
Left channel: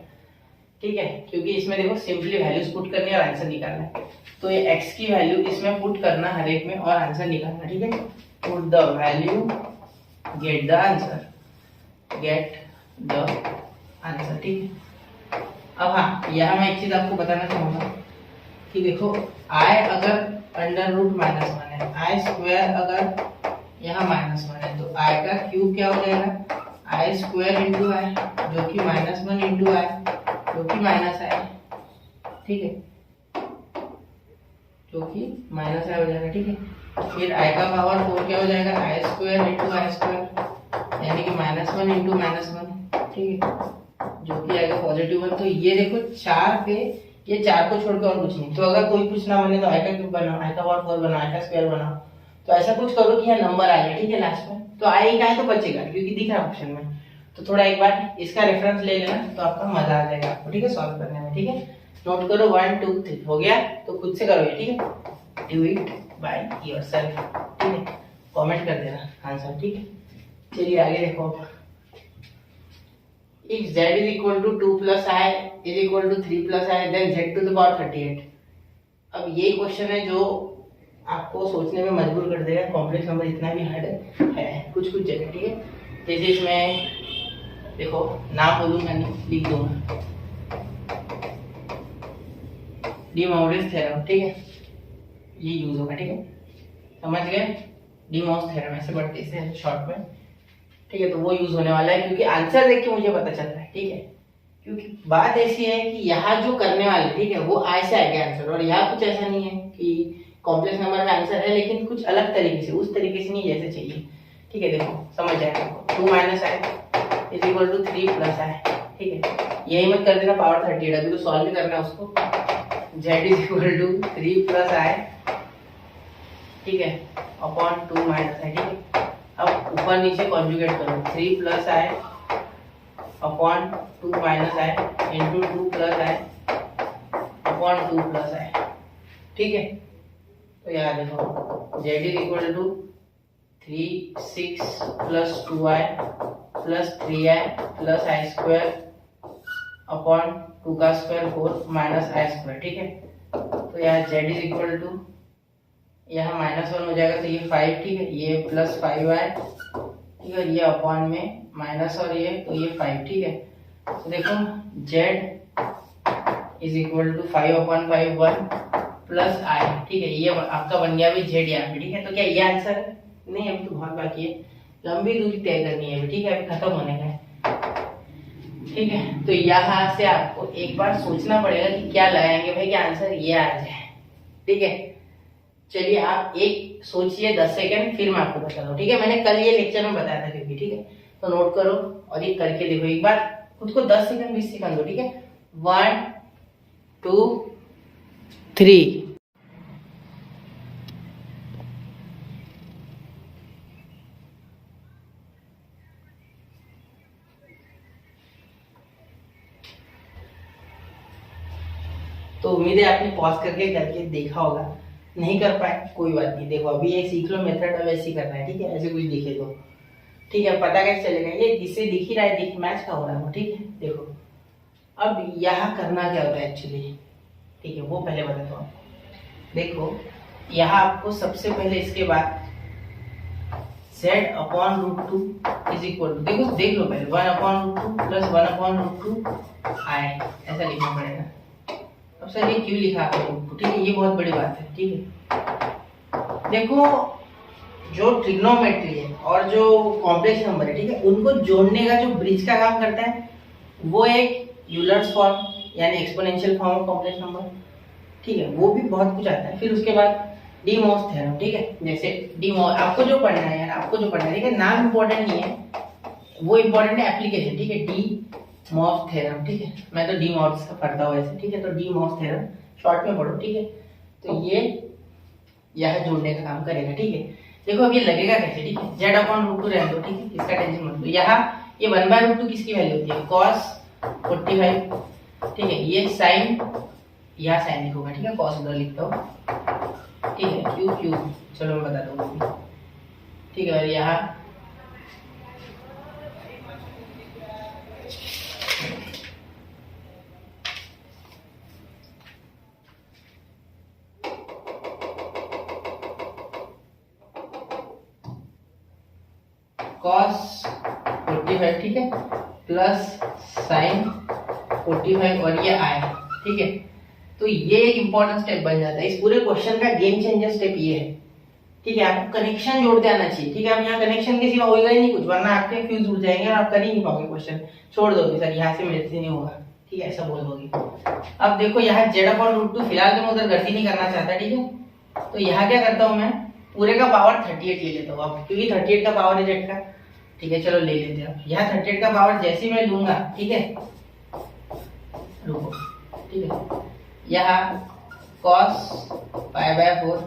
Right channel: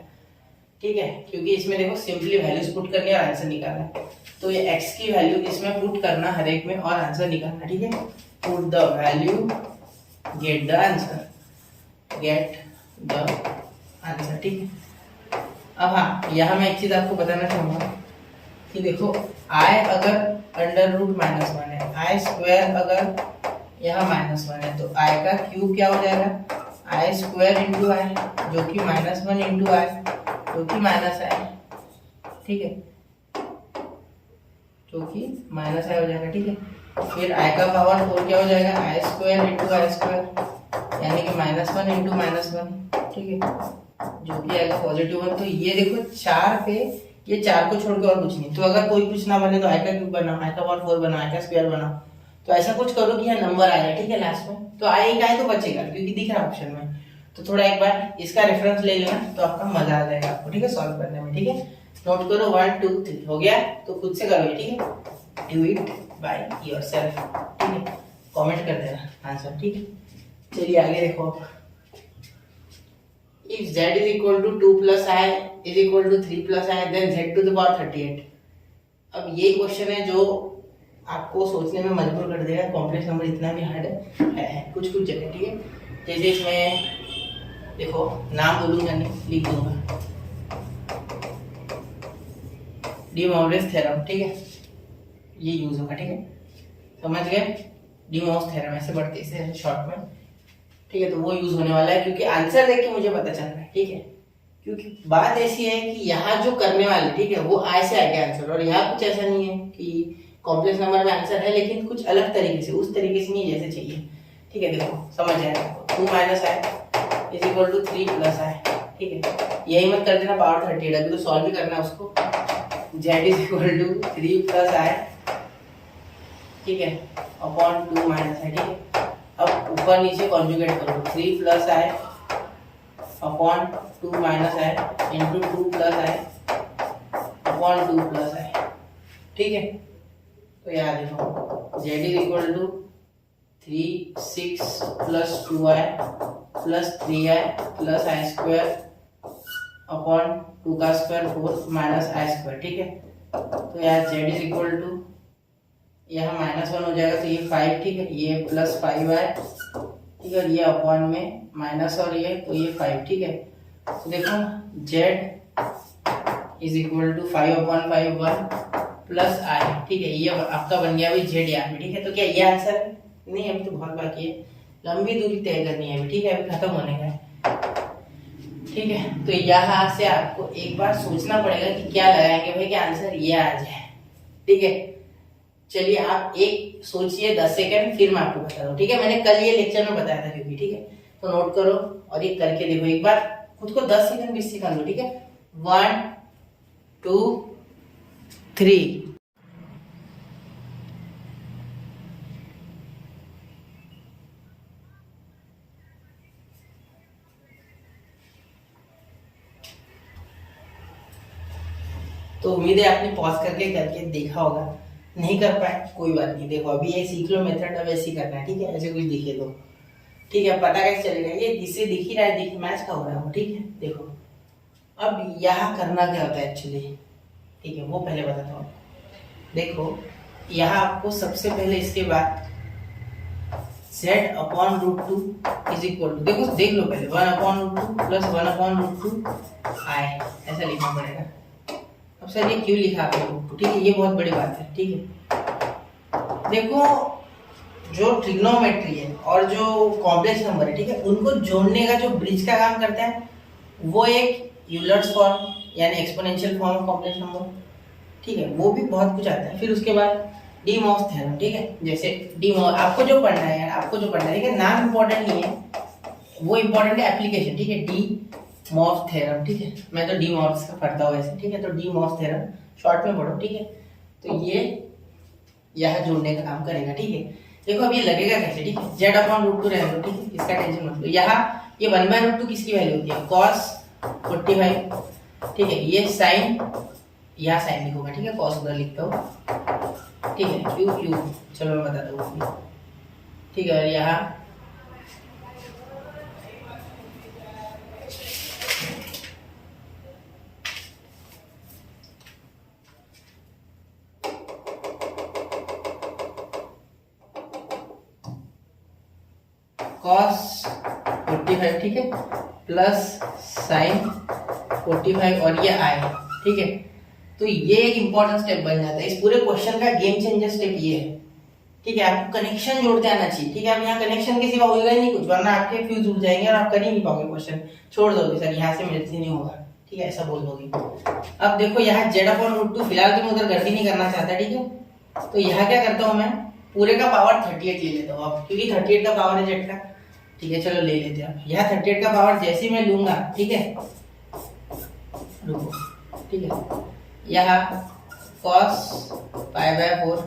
ठीक है, क्योंकि इसमें देखो सिंपली वैल्यूज पुट करनी है और आंसर निकालना है, तो ये x की वैल्यू इसमें पुट करना हर एक में और आंसर निकालना, ठीक है। Put the value, get the answer, ठीक है। अब हाँ, यहाँ मैं एक चीज आपको बताना चाहूंगा कि देखो i अगर अंडर रूट -1 है, i स्क्वायर अगर यहाँ -1 है, तो i का क्यूब क्या हो जाएगा, i स्क्वायर इंटू आई, जो कि -1 इंटू आई, जो कि माइनस आई, ठीक है, जो कि माइनस आई हो जाएगा, ठीक है। फिर i का पावर 4 क्या हो जाएगा, i square into I square, यानी कि -1 इंटू -1, ठीक है, जो कि आएगा पॉजिटिव 1। तो ये देखो 4 पे, ये 4 को छोड़ के और कुछ नहीं, तो अगर कोई कुछ ना बने तो i का क्यूब बनाओ, i का पावर 4 बनाओ, i का स्क्वायर बनाओ, तो ऐसा कुछ करो कि यहाँ नंबर आ जाए, ठीक है, लास्ट में। तो i का है तो बचेगा, क्योंकि दिख रहा है ऑप्शन में, तो थोड़ा एक बार इसका रेफरेंस ले लेना, तो आपका मजा आ जाएगा आपको, ठीक है, सॉल्व करने में, ठीक है। नोट करो 1 2 3 हो गया, तो खुद से करो ये, ठीक है, डू इट बाय योरसेल्फ, ठीक है, कमेंट कर देना आंसर, ठीक है। चलिए आगे देखो, if z is equal to 2 plus I is equal to 3 plus I, then z to the power 38। अब ये क्वेश्चन है जो आपको सोचने में मजबूर कर देगा, कॉम्प्लेक्स नंबर इतना भी हार्ड है कुछ कुछ जगह, ठीक है। जैसे इसमें देखो, नाम बोलूंगा नहीं, लिख दूंगा, डी मोरिस थ्योरम, ठीक है, ये यूज होगा, ठीक है, समझ गए, डी मोरिस थ्योरम ऐसे बढ़ते इसे शॉर्ट में, ठीक है। तो वो यूज होने वाला है, क्योंकि आंसर देख के मुझे पता चल रहा है, ठीक है, क्योंकि बात ऐसी है कि यहाँ जो करने वाले, ठीक है, वो आई से आएगा आंसर, और यहाँ कुछ ऐसा नहीं है कि कॉम्प्लेक्स नंबर में आंसर है, लेकिन कुछ अलग तरीके से, उस तरीके से नहीं जैसे चाहिए, ठीक है। देखो समझ जाएगा, 2 minus i is equal to 3 plus आई, ठीक है, यही मत कर देना पावर 38, अभी तो सॉल्व भी करना है उसको, z is equal to 3 plus आई, ठीक है, अपॉन 2 माइनस आई, ठीक है। अब ऊपर नीचे कॉन्जुगेट करो, 3 plus I upon 2 minus I into 2 plus I upon 2 plus आई, ठीक है। तो यहाँ देखो z is equal to 3 6 plus 2i plus 3i plus I square upon 2 का स्क्वायर 4 माइनस आई स्क्वायर, ठीक है। तो यहाँ z इज इक्वल टू, यहाँ -1 हो जाएगा तो ये 5, ठीक है, ये प्लस 5i, ठीक है, और ये अपॉन में माइनस और ये, तो ये 5, ठीक है। तो देखो z is equal to 5/5 1 plus आई, ठीक है, ये आपका बन गया अभी z यहाँ पे, ठीक है। तो क्या ये आंसर है? नहीं, अभी तो बहुत बाकी है, लंबी दूरी तय करनी है अभी, ठीक है, अभी खत्म होने का है, ठीक है। तो यहाँ से आपको एक बार सोचना पड़ेगा कि क्या लगाएंगे भाई कि आंसर ये आ जाए, ठीक है। चलिए आप एक सोचिए 10 सेकंड, फिर मैं आपको बता दूं, ठीक है। मैंने कल ये लेक्चर में बताया था क्योंकि, ठीक है, तो नोट करो और ये करके देखो एक बार, खुद को 10 सेकंड 20 सेकंड दो, ठीक है। 1 2 3। तो उम्मीद है आपने पॉज करके देखा होगा, नहीं कर पाए कोई बात नहीं, देखो अभी ये सीख लो मेथड, अब ऐसे ही करना है, ठीक है, ऐसे कुछ दिखे तो, ठीक है, पता कैसे चलेगा, ये जिसे दिख ही रहा है, दिख मैच का हो रहा है, ठीक है। देखो अब यहाँ करना क्या होता है एक्चुअली, ठीक है, वो पहले बताता हूँ। देखो यहाँ आपको सबसे पहले इसके बाद z/√2 इज इक्वल टू, देखो देख लो पहले 1/√2 प्लस 1/√2 i, ऐसा लिखना पड़ेगा। अब सर ये क्यों लिखा आपने, ठीक है, ये बहुत बड़ी बात है, ठीक है। देखो जो ट्रिग्नोमेट्री है और जो कॉम्प्लेक्स नंबर है, ठीक है, उनको जोड़ने का जो ब्रिज का काम करता है वो एक यूलर्स फॉर्म यानी exponential form of complex number, ठीक है, वो भी बहुत कुछ आता है। फिर उसके बाद डी मॉस थ्योरम, ठीक है, जैसे डी मॉस आपको जो पढ़ना है यार, आपको जो पढ़ना है, ठीक है, नाम इंपॉर्टेंट नहीं है, वो इंपॉर्टेंट है एप्लीकेशन, ठीक है। डी मॉस थ्योरम, ठीक है, मैं तो डी मॉस का पढ़ता हूँ ऐसे, ठीक है, तो डी मॉस थ्योरम शॉर्ट में पढ़ो, ठीक है। तो ये यह जोड़ने का काम करेगा, ठीक है। देखो अब ये लगेगा कैसे, ठीक है, z/√2 रहने दो, ठीक है, इसका टेंशन मत लो। यहाँ ये 1/√2 किसकी वैल्यू होती है, cos 45, ठीक है, ये साइन, यहाँ साइन लिखूंगा, ठीक है, cos उधर लिखता हूँ, ठीक है, क्यू, चलो मैं बताता हूँ, ठीक है, और यहाँ cos 45, ठीक है, प्लस साइन 45 और ये i, ठीक है। तो ये एक इंपॉर्टेंट स्टेप बन जाता है, इस पूरे क्वेश्चन का गेम चेंजर स्टेप ये है, ठीक है। आपको कनेक्शन जोड़ते आना चाहिए, ठीक है। अब यहाँ कनेक्शन के सिवा होगा ही नहीं कुछ, वरना आपके फ्यूज उड़ जाएंगे और आप कर ही नहीं पाओगे क्वेश्चन, छोड़ दोगे सर यहाँ से मेरे से नहीं होगा, ठीक है, ऐसा बोल दोगे। अब देखो यहाँ z/√2 फिलहाल तो मैं उधर गलती नहीं करना चाहता, ठीक है। तो यहाँ क्या करता हूँ मैं, पूरे का पावर 38 ले लेता हूँ अब, क्योंकि 38 का पावर है z का, ठीक है, चलो ले लेते हैं। यहाँ 38 का पावर जैसे मैं लूंगा, ठीक है, रुको, ठीक है, यहाँ cos π/4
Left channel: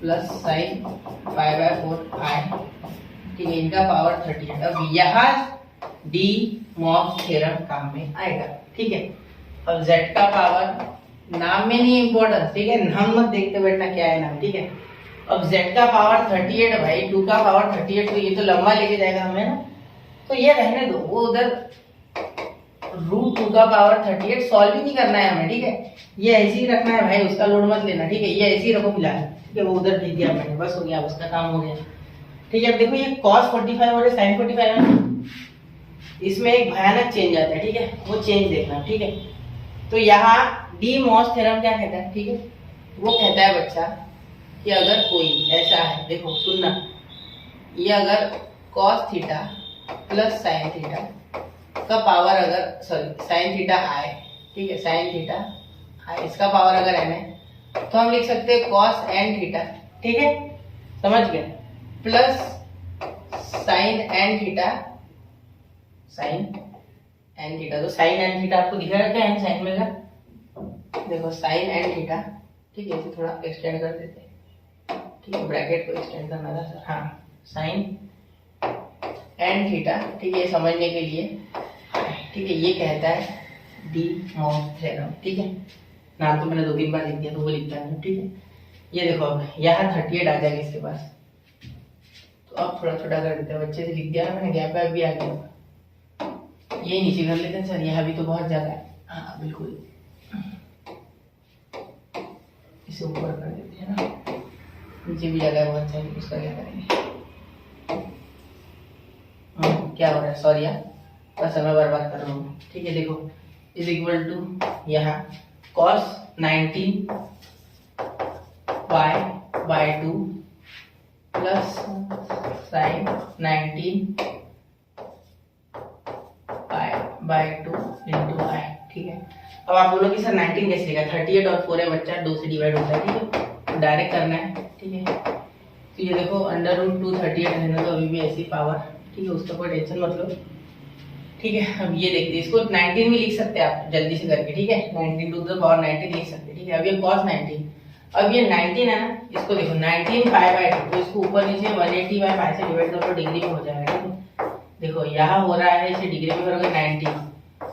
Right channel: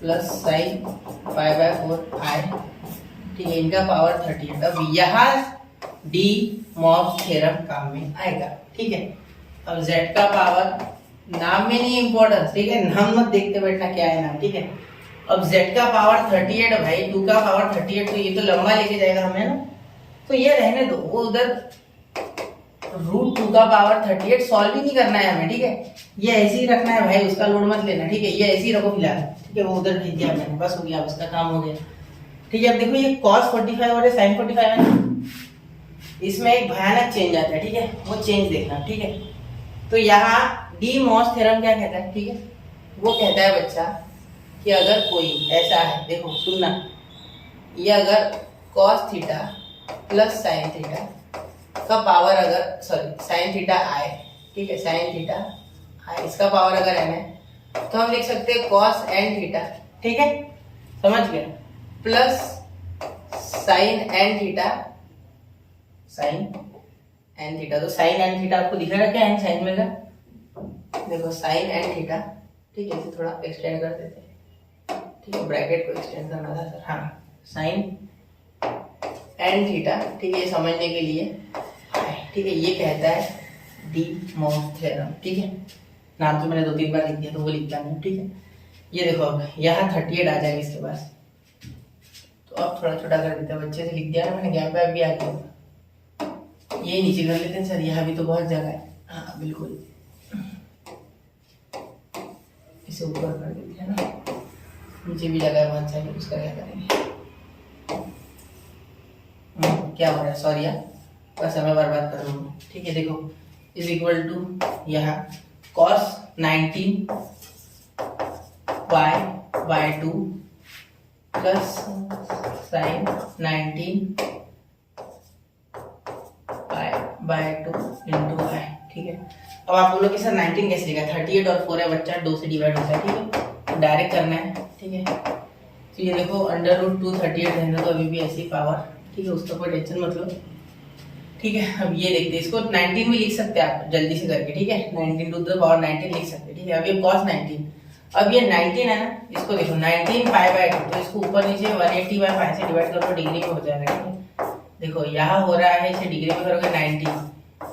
प्लस साइन π/4 i, ठीक है, इनका पावर 38। अब यहाँ डी मॉस थ्योरम काम में आएगा, ठीक है। अब z का पावर, नाम में नहीं इम्पोर्टेंस, ठीक है, नाम मत देखते बैठना क्या है नाम, ठीक है। अब z का पावर 38 भाई, 2 का पावर 38, तो ये तो लंबा लेके जाएगा हमें ना, तो ये रहने दो, वो उधर √2 का पावर 38 सॉल्व ही नहीं करना है हमें, ठीक है, ये ऐसे ही रखना है भाई, उसका लोड मत लेना, ठीक है, ये ऐसे ही रखो फिलहाल, ठीक है, वो उधर भेज दिया मैंने, बस हो गया, उसका काम हो गया, ठीक है। अब देखो ये cos 45 और sin 45 है, इसमें एक भयानक चेंज आता है, ठीक है, वो चेंज देखना, ठीक है। तो यहाँ डी मॉस थ्योरम क्या कहता है, ठीक है, वो कहता है बच्चा कि अगर कोई ऐसा है, देखो सुनना, ये अगर cos theta plus sin theta का पावर अगर, सॉरी sin थीटा i, ठीक है, sin थीटा i, इसका पावर अगर n है, तो हम लिख सकते हैं cos n थीटा, ठीक है, समझ गए, plus sin n theta, sin n theta, तो sin n थीटा आपको दिख रहा है क्या, n साइन में का, देखो sin n थीटा, ठीक है, इसे थोड़ा एक्सटेंड कर देते हैं, ठीक है, ब्रैकेट को एक्सटेंड करना था सर, हाँ, sin n थीटा, ठीक है, ये समझने के लिए, ठीक है, ये कहता है डी मॉस थ्योरम, ठीक है, नाम तो मैंने 2-3 बार लिख दिया तो वो लिखता नहीं, ठीक है। ये देखो अब यहाँ 38 आ जाएगा इसके पास, तो तो आप थोड़ा छोटा कर देते हैं, बच्चे से लिख दिया ना मैंने, गैप वैप भी आ गया। ये नीचे कर लेते हैं सर, यह अभी तो बहुत जगह है। हाँ बिल्कुल, इसे ऊपर कर देते हैं ना, नीचे भी जगह है बहुत सारी, उसका क्या करेंगे। क्या हो रहा है, सॉरी यार, बस समय बर्बाद कर रहा हूँ। ठीक है, देखो इज इक्वल टू यहाँ cos 19 by 2 plus sine 19 by 2 into i. ठीक है, अब आप बोलोगे सर 19 कैसे लिखा, 38 और 4 है बच्चा, 2 से डिवाइड होता है। ठीक है, डायरेक्ट करना है। ठीक है, तो ये देखो अंडर रूट 2 38 रहना तो अभी भी ऐसी पावर। ठीक है, उसका कोई टेंशन मत लो। ठीक है, अब ये देखते हैं, इसको 19 भी लिख सकते हैं आप जल्दी से करके। ठीक है, 19 टू द पावर 19 लिख सकते हैं। ठीक है, अब ये cos 19, अब ये 19 है ना, इसको देखो 19 पाई बाय 2, तो इसको ऊपर नीचे 180 बाय पाई से डिवाइड करो, डिग्री में हो जाएगा। ठीक है, देखो यहाँ हो रहा है, इसे डिग्री में करोगे 90,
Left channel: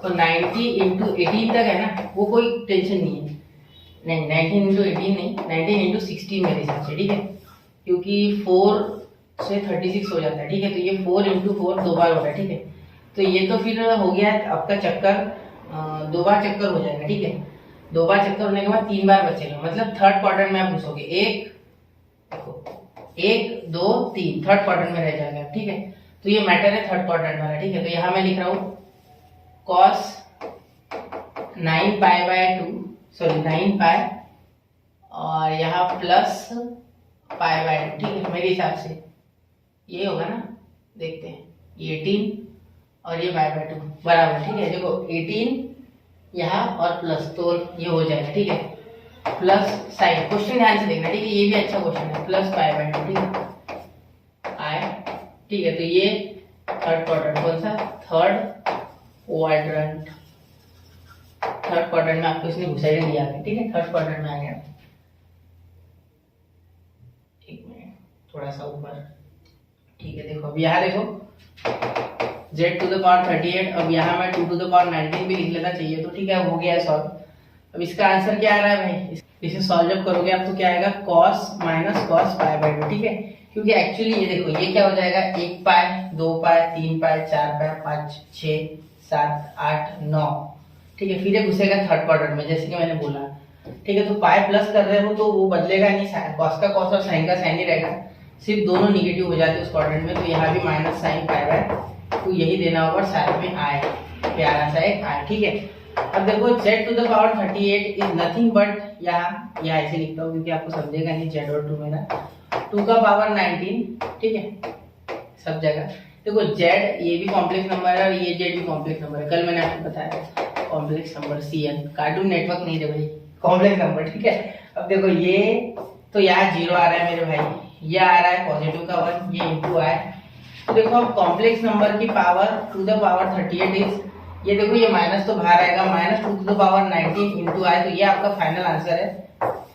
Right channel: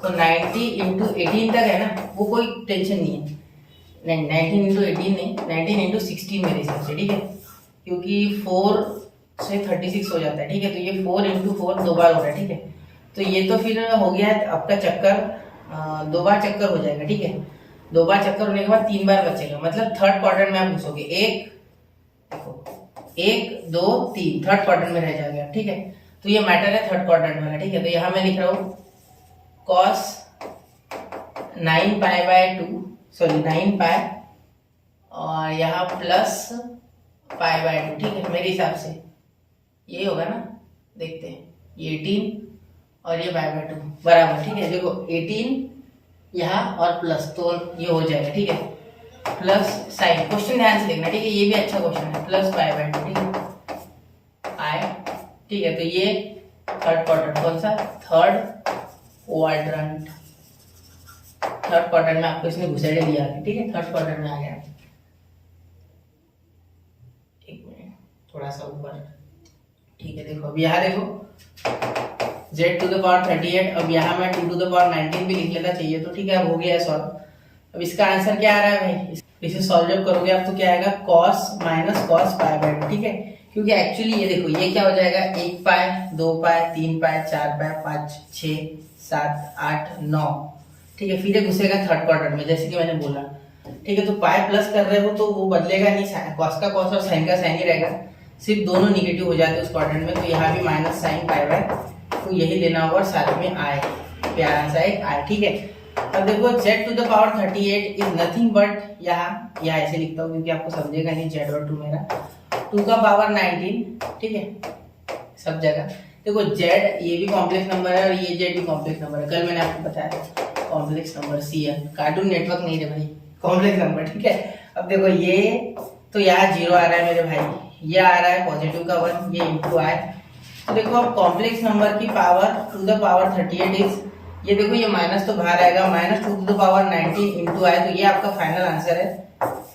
तो 90 इंटू 18 तक है ना, वो कोई टेंशन नहीं है। नहीं 19 इंटू 18 नहीं, 19 इंटू 16 मेरे हिसाब से। ठीक है, क्योंकि 4 से 36 हो जाता है। ठीक है, तो ये 4 इंटू 4 2 बार हो रहा है। ठीक है, तो ये तो फिर हो गया आपका चक्कर, 2 बार चक्कर हो जाएगा। ठीक है, 2 बार चक्कर होने के बाद 3 बार बचेगा, मतलब थर्ड क्वाड्रेंट में आप घुसोगे। 1 2 3 थर्ड क्वाड्रेंट में रह जाएगा। ठीक है, तो ये मैटर है थर्ड क्वाड्रेंट वाला। ठीक है, तो यहाँ मैं लिख रहा हूँ cos 9 पाई बाय 2, सॉरी 9 पाई, और यहाँ प्लस पाई बाय 2। ठीक है, मेरे हिसाब से ये होगा ना, देखते हैं, ये 18 और ये बाय बाय 2 बराबर। ठीक है, देखो 18 यहाँ और प्लस, तो ये हो जाएगा। ठीक है, प्लस साइन, क्वेश्चन ध्यान से देखना। ठीक है, ये भी अच्छा क्वेश्चन है, प्लस पाई बाय 2। ठीक है, आए। ठीक है, तो ये थर्ड क्वाड्रेंट, कौन सा, थर्ड क्वाड्रेंट, थर्ड क्वाड्रेंट में आपको इसने घुसेड़े दिया है। ठीक है, थर्ड क्वाड्रेंट में आ गया। एक मिनट, थोड़ा सा ऊपर। ठीक है, देखो अब यहाँ देखो z टू द पावर 38, अब यहाँ मैं 2 टू द पावर 19 भी लिख लेना चाहिए। तो ठीक है, हो गया है सॉल्व। अब इसका आंसर क्या आ रहा है भाई, इसे सॉल्व जब करोगे आप तो क्या आएगा, cos minus cos pi by 2। ठीक है, क्योंकि एक्चुअली ये देखो ये क्या हो जाएगा, 1 पाई 2 पाई 3 पाई 4 पाई 5 6 7 8 9। ठीक है, फिर ये घुसेगा थर्ड क्वाड्रेंट में, जैसे कि मैंने बोला। ठीक है, तो पाई प्लस कर रहे हो तो वो बदलेगा नहीं, cos का cos और sin का sin ही रहेगा, सिर्फ दोनों निगेटिव हो जाते हैं उस क्वाड्रेंट में। तो यहाँ भी माइनस साइन पाई बाय, तो यही देना होगा, और साथ में आए, प्यारा सा एक आए। ठीक है, अब देखो z to the power 38 is nothing but, यहाँ ऐसे लिखता हूँ क्योंकि आपको समझेगा नहीं, z और 2 मेरा 2 का पावर 19। ठीक है, सब जगह देखो z, ये भी कॉम्प्लेक्स नंबर है और ये z भी कॉम्प्लेक्स नंबर है, कल मैंने आपको बताया complex number Cn, cartoon network नहीं रे भाई, कॉम्प्लेक्स नंबर। ठीक है, अब देखो ये तो यहाँ 0 आ रहा है मेरे भाई, ये आ रहा है पॉजिटिव का 1, ये इंटू आए। तो देखो अब कॉम्प्लेक्स नंबर की power to the power 38 is, ये देखो ये माइनस तो बाहर आएगा, minus 2 to the power 19 into I, तो ये आपका फाइनल आंसर है।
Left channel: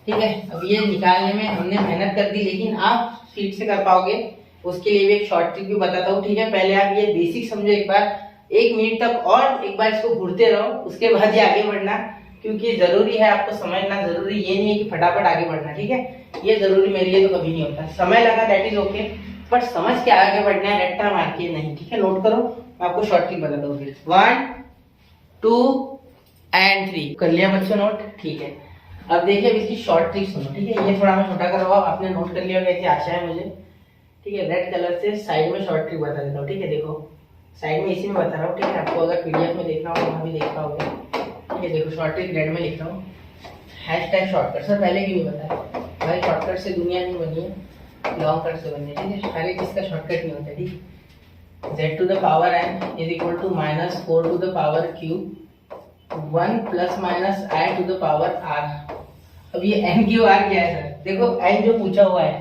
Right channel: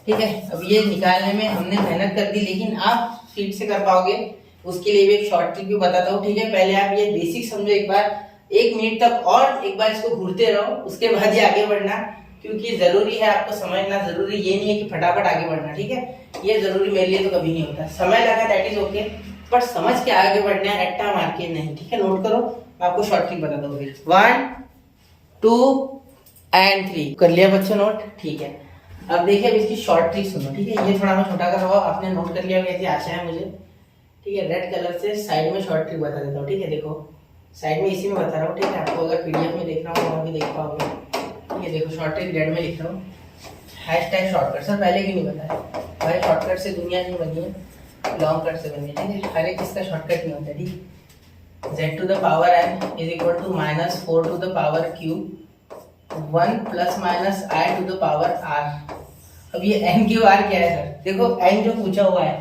ठीक है, अब ये निकालने में हमने मेहनत कर दी, लेकिन आप स्पीड से कर पाओगे उसके लिए भी एक शॉर्ट ट्रिक भी बताता हूँ। ठीक है, पहले आप ये बेसिक समझो एक बार, 1 मिनट तक और एक बार इसको घूरते रहो, उसके बाद ही आगे बढ़ना, क्योंकि जरूरी है आपको समझना, जरूरी ये नहीं है कि फटाफट आगे बढ़ना। ठीक है, ये जरूरी मेरे लिए तो कभी नहीं होता, समय लगा दैट इज ओके, पर समझ के आगे बढ़ना है, अट्टा मार के नहीं। ठीक है, नोट करो, मैं आपको शॉर्ट ट्रिक बताता हूँ। 1 2 एंड 3 कर लिया बच्चों नोट। ठीक है, अब देखिए अब इसकी शॉर्ट ट्रिक सुनो। ठीक है, ये थोड़ा मैं छोटा कर रहा हूँ, आपने नोट कर लिया ऐसी आशा है मुझे। ठीक है, रेड कलर से साइड में शॉर्ट ट्रिक बता देता हूँ। ठीक है, देखो साइड में इसी में बता रहा हूँ। ठीक है, आपको अगर पीडीएफ में देखना हो वहाँ भी देख पाओगे। ठीक है, देखो शॉर्ट ट्रिक रेड में लिख रहा हूँ, हैशटैग शॉर्टकट। सर पहले क्यों नहीं बताया भाई, शॉर्टकट से दुनिया नहीं बनी है, लॉन्ग कट से बनी है। ठीक है, हर एक चीज का शॉर्टकट नहीं होता है। ठीक है, z to the power n is equal to minus 4 to the power q 1 plus minus i to the power r। अब ये n q r क्या है सर, देखो n जो पूछा हुआ है,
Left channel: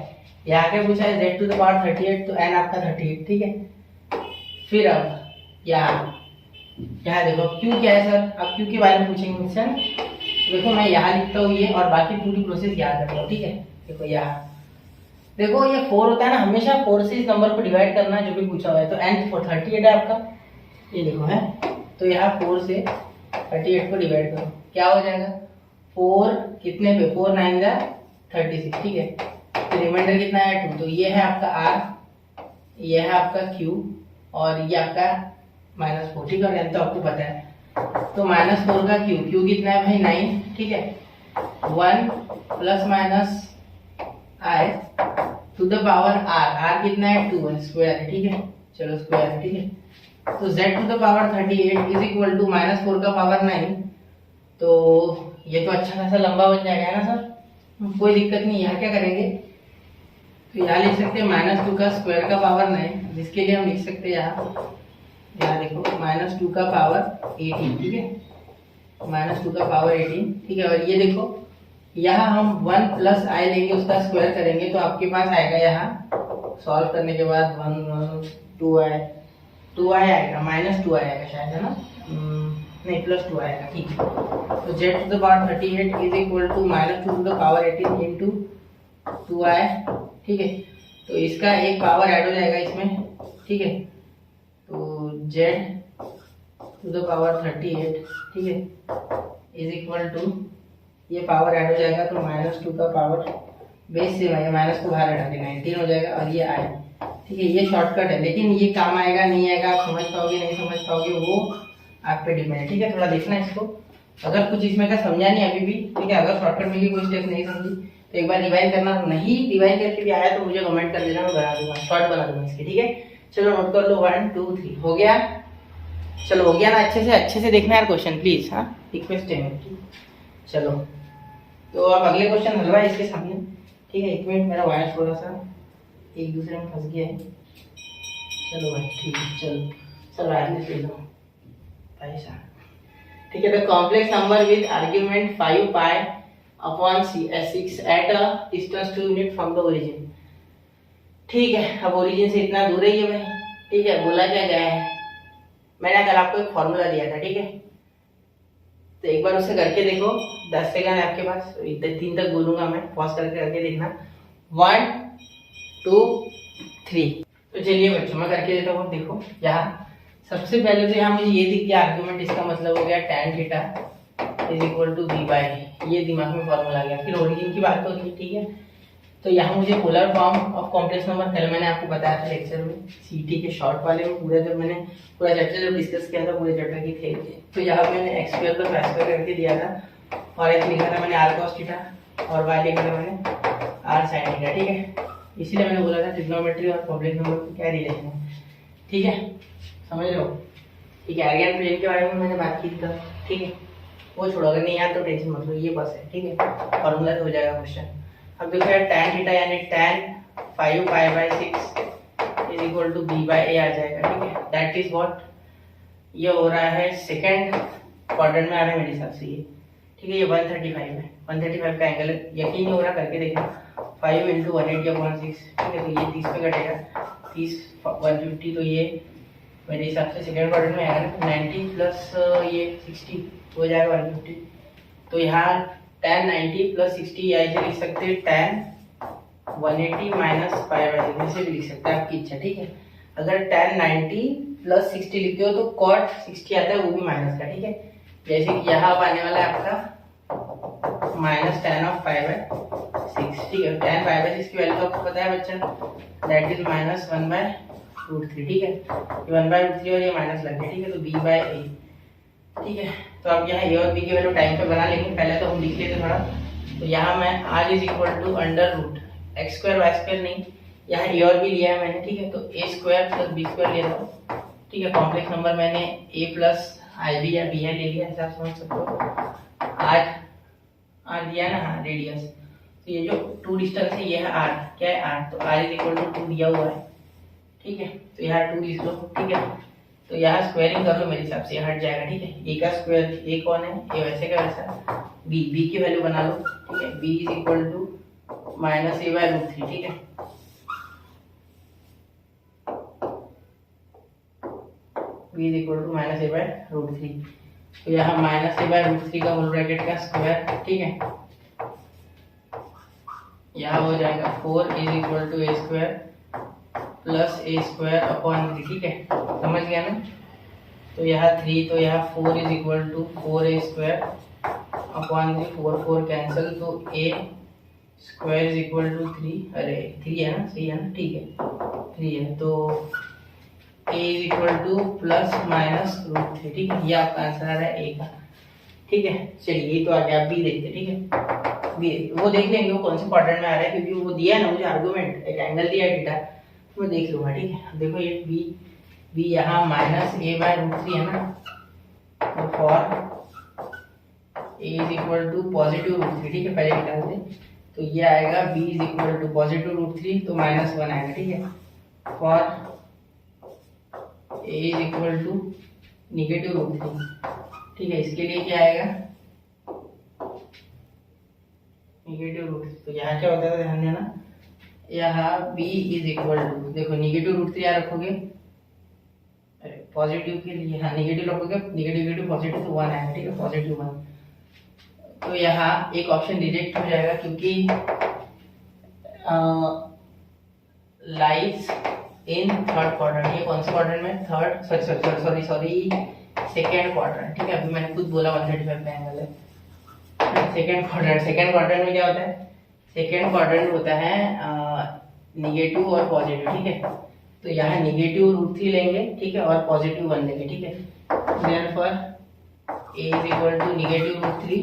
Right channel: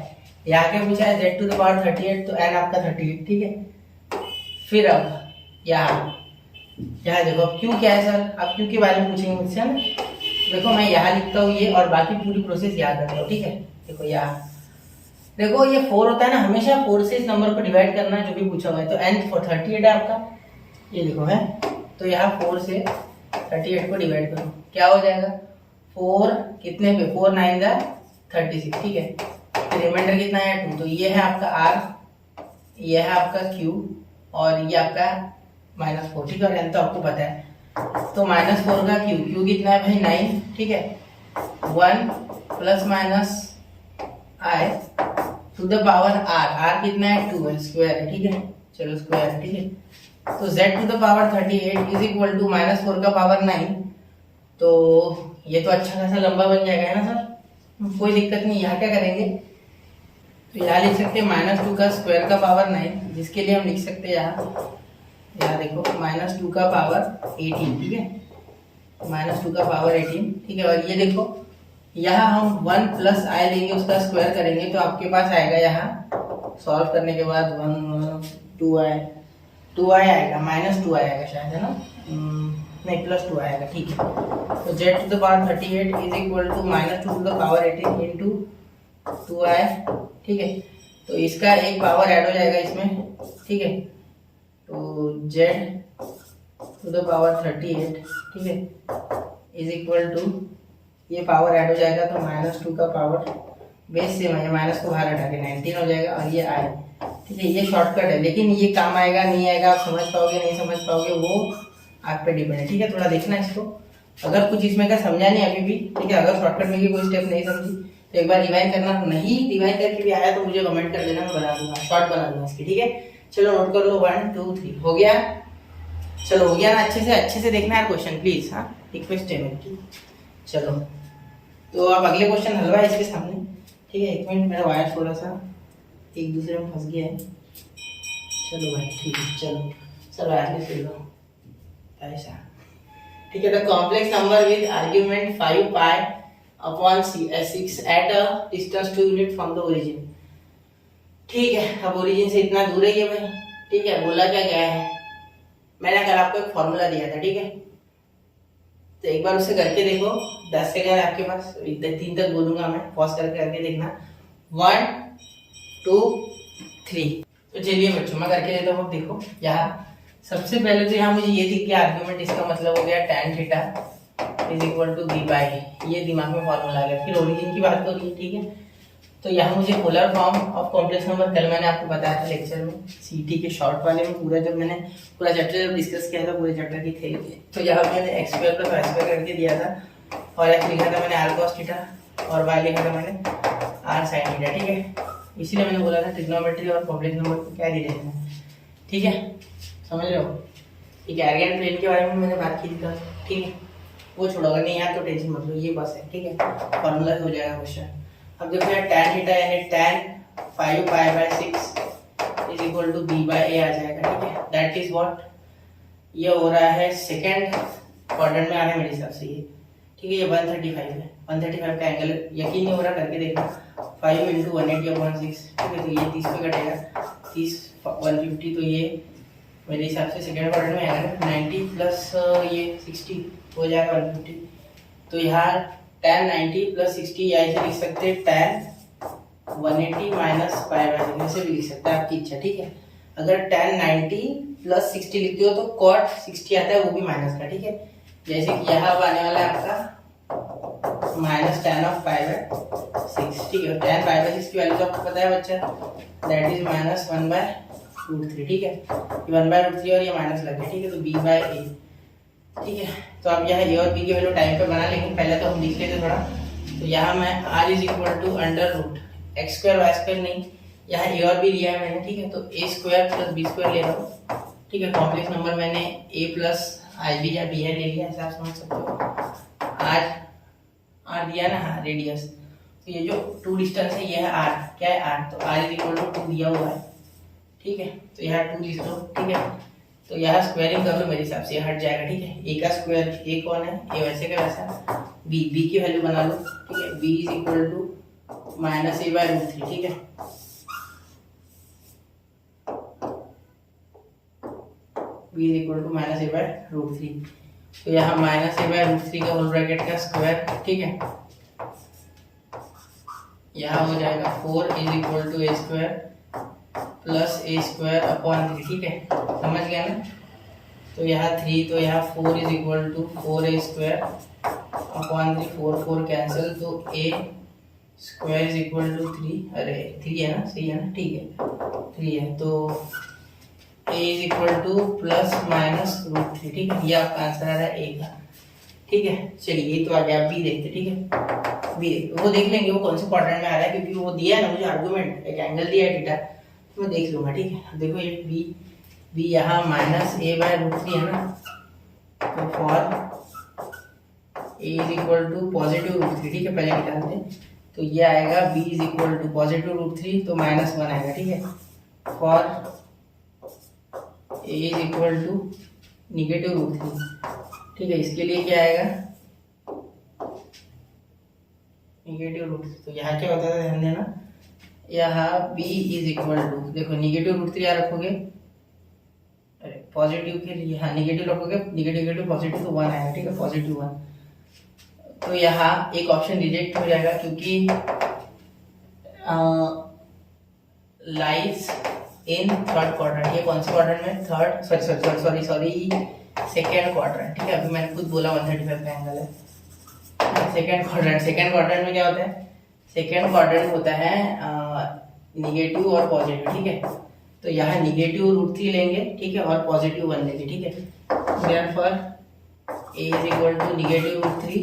यहाँ क्या पूछा है, z टू द पावर 38, तो n आपका 38। ठीक है, फिर अब यहाँ देखो अब q क्या है सर, अब q के बारे में पूछेंगे मुझसे ना, देखो मैं यहाँ लिखता हूँ ये, और बाकी पूरी प्रोसेस याद रखता हूँ। ठीक है, देखो यहाँ देखो ये 4 होता है ना, हमेशा 4 से इस नंबर को डिवाइड करना है जो भी पूछा हुआ है। तो n for 38 है आपका, ये देखो है, तो यहाँ 4 से 38 को डिवाइड करो, क्या हो जाएगा, 4 कितने पे, 4 9 जा 36। ठीक है, तो रिमाइंडर कितना है 2, तो ये है आपका r ये है आपका Q और ये आपका -4, ठीक है, तो आपको पता है। तो -4 का Q कितना है भाई 9, ठीक है, 1 ± I to the power R कितना है 2 है, स्क्वायर है, ठीक है, चलो स्क्वायर है, ठीक है। तो Z to the power 38 is equal to -4 का पावर 9। तो ये तो अच्छा खासा लंबा बन जाएगा ना सर, कोई दिक्कत नहीं। यहाँ क्या करेंगे, तो यहाँ लिख सकते हैं -2 का स्क्वायर का पावर 9, जिसके लिए हम लिख सकते हैं यहाँ देखो -2 का पावर 18, ठीक है, -2 का पावर 18, ठीक है। और ये देखो यहाँ हम 1 + I लेंगे, उसका स्क्वायर करेंगे तो आपके पास आएगा, यहाँ सॉल्व करने के बाद 2I आएगा, -2 आएगा शायद, है ना, नहीं +2 आएगा, ठीक है। तो Z to the power 38 is equal to -2 to the power 18 into 2I, ठीक है। तो इसका एक पावर ऐड हो जाएगा इसमें, ठीक है। तो Z टू द पावर 38, ठीक है, इज इक्वल टू, ये पावर ऐड हो जाएगा तो -2 का पावर बेस से माइनस को बाहर हटा के 19 हो जाएगा, और ये I, ठीक है। ये शॉर्टकट है, लेकिन ये काम आएगा नहीं आएगा, आप समझ पाओगे नहीं समझ पाओगे, वो आप पे डिपेंड है, ठीक है। थोड़ा देखना इसको, अगर कुछ इसमें का समझा नहीं अभी भी, ठीक है, अगर शॉर्टकट में भी कोई स्टेप नहीं समझी तो एक बार रिवाइज करना, नहीं रिवाइज करके भी आया तो मुझे कमेंट कर देना, मैं बना दूंगा, शॉर्ट बना दूंगा इसकी, ठीक है। चलो नोट कर लो, 1 2 3 हो गया, चलो हो गया ना, अच्छे से देखना यार क्वेश्चन प्लीज, हाँ, रिक्वेस्ट है मेरी। चलो तो अब अगले क्वेश्चन हलवा है इसके सामने, ठीक है। 1 मिनट, मेरा वायर थोड़ा सा एक दूसरे में फंस गया है। चलो भाई ठीक है, चलो वायरलेस ले लो ऐसा, ठीक है। The complex number with argument 5π/6 at a distance 2 unit from the origin, ठीक है। अब ओरिजिन से इतना दूर है ये भाई, ठीक है। बोला क्या गया है, मैंने कल आपको एक फॉर्मूला दिया था, ठीक है। तो एक बार उसे करके देखो, 10 सेकंड आपके पास, 3 तक बोलूंगा मैं, पॉज करके देखना, 1 2 3। तो चलिए बच्चों मैं करके देता हूँ। देखो यहाँ सबसे पहले तो यहाँ मुझे ये दिख गया आर्ग्यूमेंट, इसका मतलब हो गया tan theta is equal to b/, ये दिमाग में फॉर्मूला आ गया। फिर ओरिजिन की बात हो रही है, ठीक है। तो यहाँ मुझे polar form of complex number, कल मैंने आपको बताया था लेक्चर में, सीटी के शॉर्ट वाले में, पूरा जब मैंने पूरा चैप्टर जब डिस्कस किया था, पूरे चैप्टर की थी, तो यहाँ मैंने x² + y² करके दिया था, और x लिखा था मैंने r cos थीटा, और y लिखा था मैंने r sin थीटा, ठीक है। इसीलिए मैंने बोला था ट्रिग्नोमेट्री और कॉम्प्लेक्स नंबर का क्या रिलेशन है, ठीक है, समझ रहे हो। ठीक है, आर्गन प्लेन के बारे में मैंने बात की थी, ठीक है, वो छोड़ो, अगर नहीं यार तो टेंशन मत लो, ये बस है, ठीक है, फॉर्मूला से हो जाएगा क्वेश्चन। अब देखो यार tan थीटा यानी tan 5π/6 is equal to b/a आ जाएगा, ठीक है। दैट इज व्हाट, ये हो रहा है सेकंड क्वाड्रेंट में आ रहा है मेरे हिसाब से ये, ठीक है। ये 135 है, 135 का एंगल यकीन नहीं हो रहा, करके देखना, 5 × 180/6, ठीक है। तो ये 30 पे कटेगा, 30 150, तो ये मेरे हिसाब से सेकंड क्वाड्रेंट में आएगा 90 प्लस ये 60 हो जाएगा 150। तो यहाँ tan 90 + 60 या इसे लिख सकते हैं tan 180 - π/6, ऐसे भी लिख सकते हैं, आपकी इच्छा, ठीक है। अगर tan 90 + 60 लिखते हो तो cot 60 आता है, वो भी माइनस का, ठीक है। जैसे कि यहाँ अब आने वाला है आपका -tan of π/6, ठीक है। tan π/6 की वैल्यू तो आपको पता है बच्चा, दैट इज -1/√3, ठीक है। ये 1/√3 और ये माइनस लग गया, ठीक है। तो b/a, ठीक है। तो अब यहाँ a और b की वैल्यू टाइम पे बना लेंगे, पहले तो हम लिख लेते थोड़ा। तो यहाँ मैं r = √x²y² नहीं, यहाँ a और b लिया है मैंने, ठीक है। तो a² + b² ले रहा हूँ, ठीक है। कॉम्प्लेक्स नंबर मैंने a + ib या bl ले लिया, ऐसा आप समझ सकते हो। r दिया ना, हाँ, रेडियस, तो ये जो 2 डिस्टेंस है ये है r, क्या है r, तो r = 2 दिया हुआ है, ठीक है। तो यहाँ 2 लिख लो, ठीक है। तो यहाँ स्क्वायरिंग कर लो, मेरे हिसाब से हट जाएगा, ठीक है। a का स्क्वायर, a कौन है, a वैसे का वैसा, b की वैल्यू बना लो, ठीक है। b = -a/√3, ठीक है। b = -a/√3, तो यहाँ -a/√3 का होल ब्रैकेट का स्क्वायर, ठीक है। यहाँ हो जाएगा 4 = a² + a² / 3, ठीक है, समझ गया ना। तो यहाँ 3, तो यहाँ 4 = 4a² / 3, 4 कैंसिल, तो a square is equal to 3, अरे 3 है ना, सही है ना, ठीक है 3 है, तो a is equal to plus minus root 3, ठीक है, ये आपका आंसर आ रहा है a का, ठीक है। चलिए ये तो आ गया, बी देखते, ठीक है, बी वो देख लेंगे वो कौन से क्वाड्रेंट में आ रहा है, क्योंकि वो दिया है ना मुझे आर्गुमेंट, एक एंगल दिया है थीटा, मैं देख लूंगा, ठीक है। देखो ये बी यहाँ माइनस a बाय रूट 3 है ना, तो for a is equal to positive root 3, ठीक है, पहले निकालते हैं, तो ये आएगा b is equal to positive root 3, तो -1 आएगा, ठीक है। For a is equal to negative root 3, ठीक है, इसके लिए क्या आएगा, निगेटिव रूट 3, तो यहाँ क्या होता है ध्यान देना, यहाँ b इज इक्वल टू, देखो निगेटिव रूट 3 यहाँ रखोगे, अरे पॉजिटिव के लिए हाँ निगेटिव रखोगे, निगेटिव पॉजिटिव तो 1 आएगा, ठीक है, पॉजिटिव 1, तो यहाँ एक ऑप्शन रिजेक्ट हो जाएगा, क्योंकि लाइज इन थर्ड क्वाड्रेंट, ये कौन से क्वाड्रेंट में, थर्ड, सॉरी सेकेंड क्वाड्रेंट, ठीक है, अभी मैंने खुद बोला 135 का एंगल है, सेकेंड क्वाड्रेंट में क्या होता है, सेकेंड क्वाड्रेंट होता है निगेटिव और पॉजिटिव, ठीक है, तो यहाँ निगेटिव रूट 3 लेंगे, ठीक है, और पॉजिटिव 1 लेंगे, ठीक है, therefore a is equal to negative root 3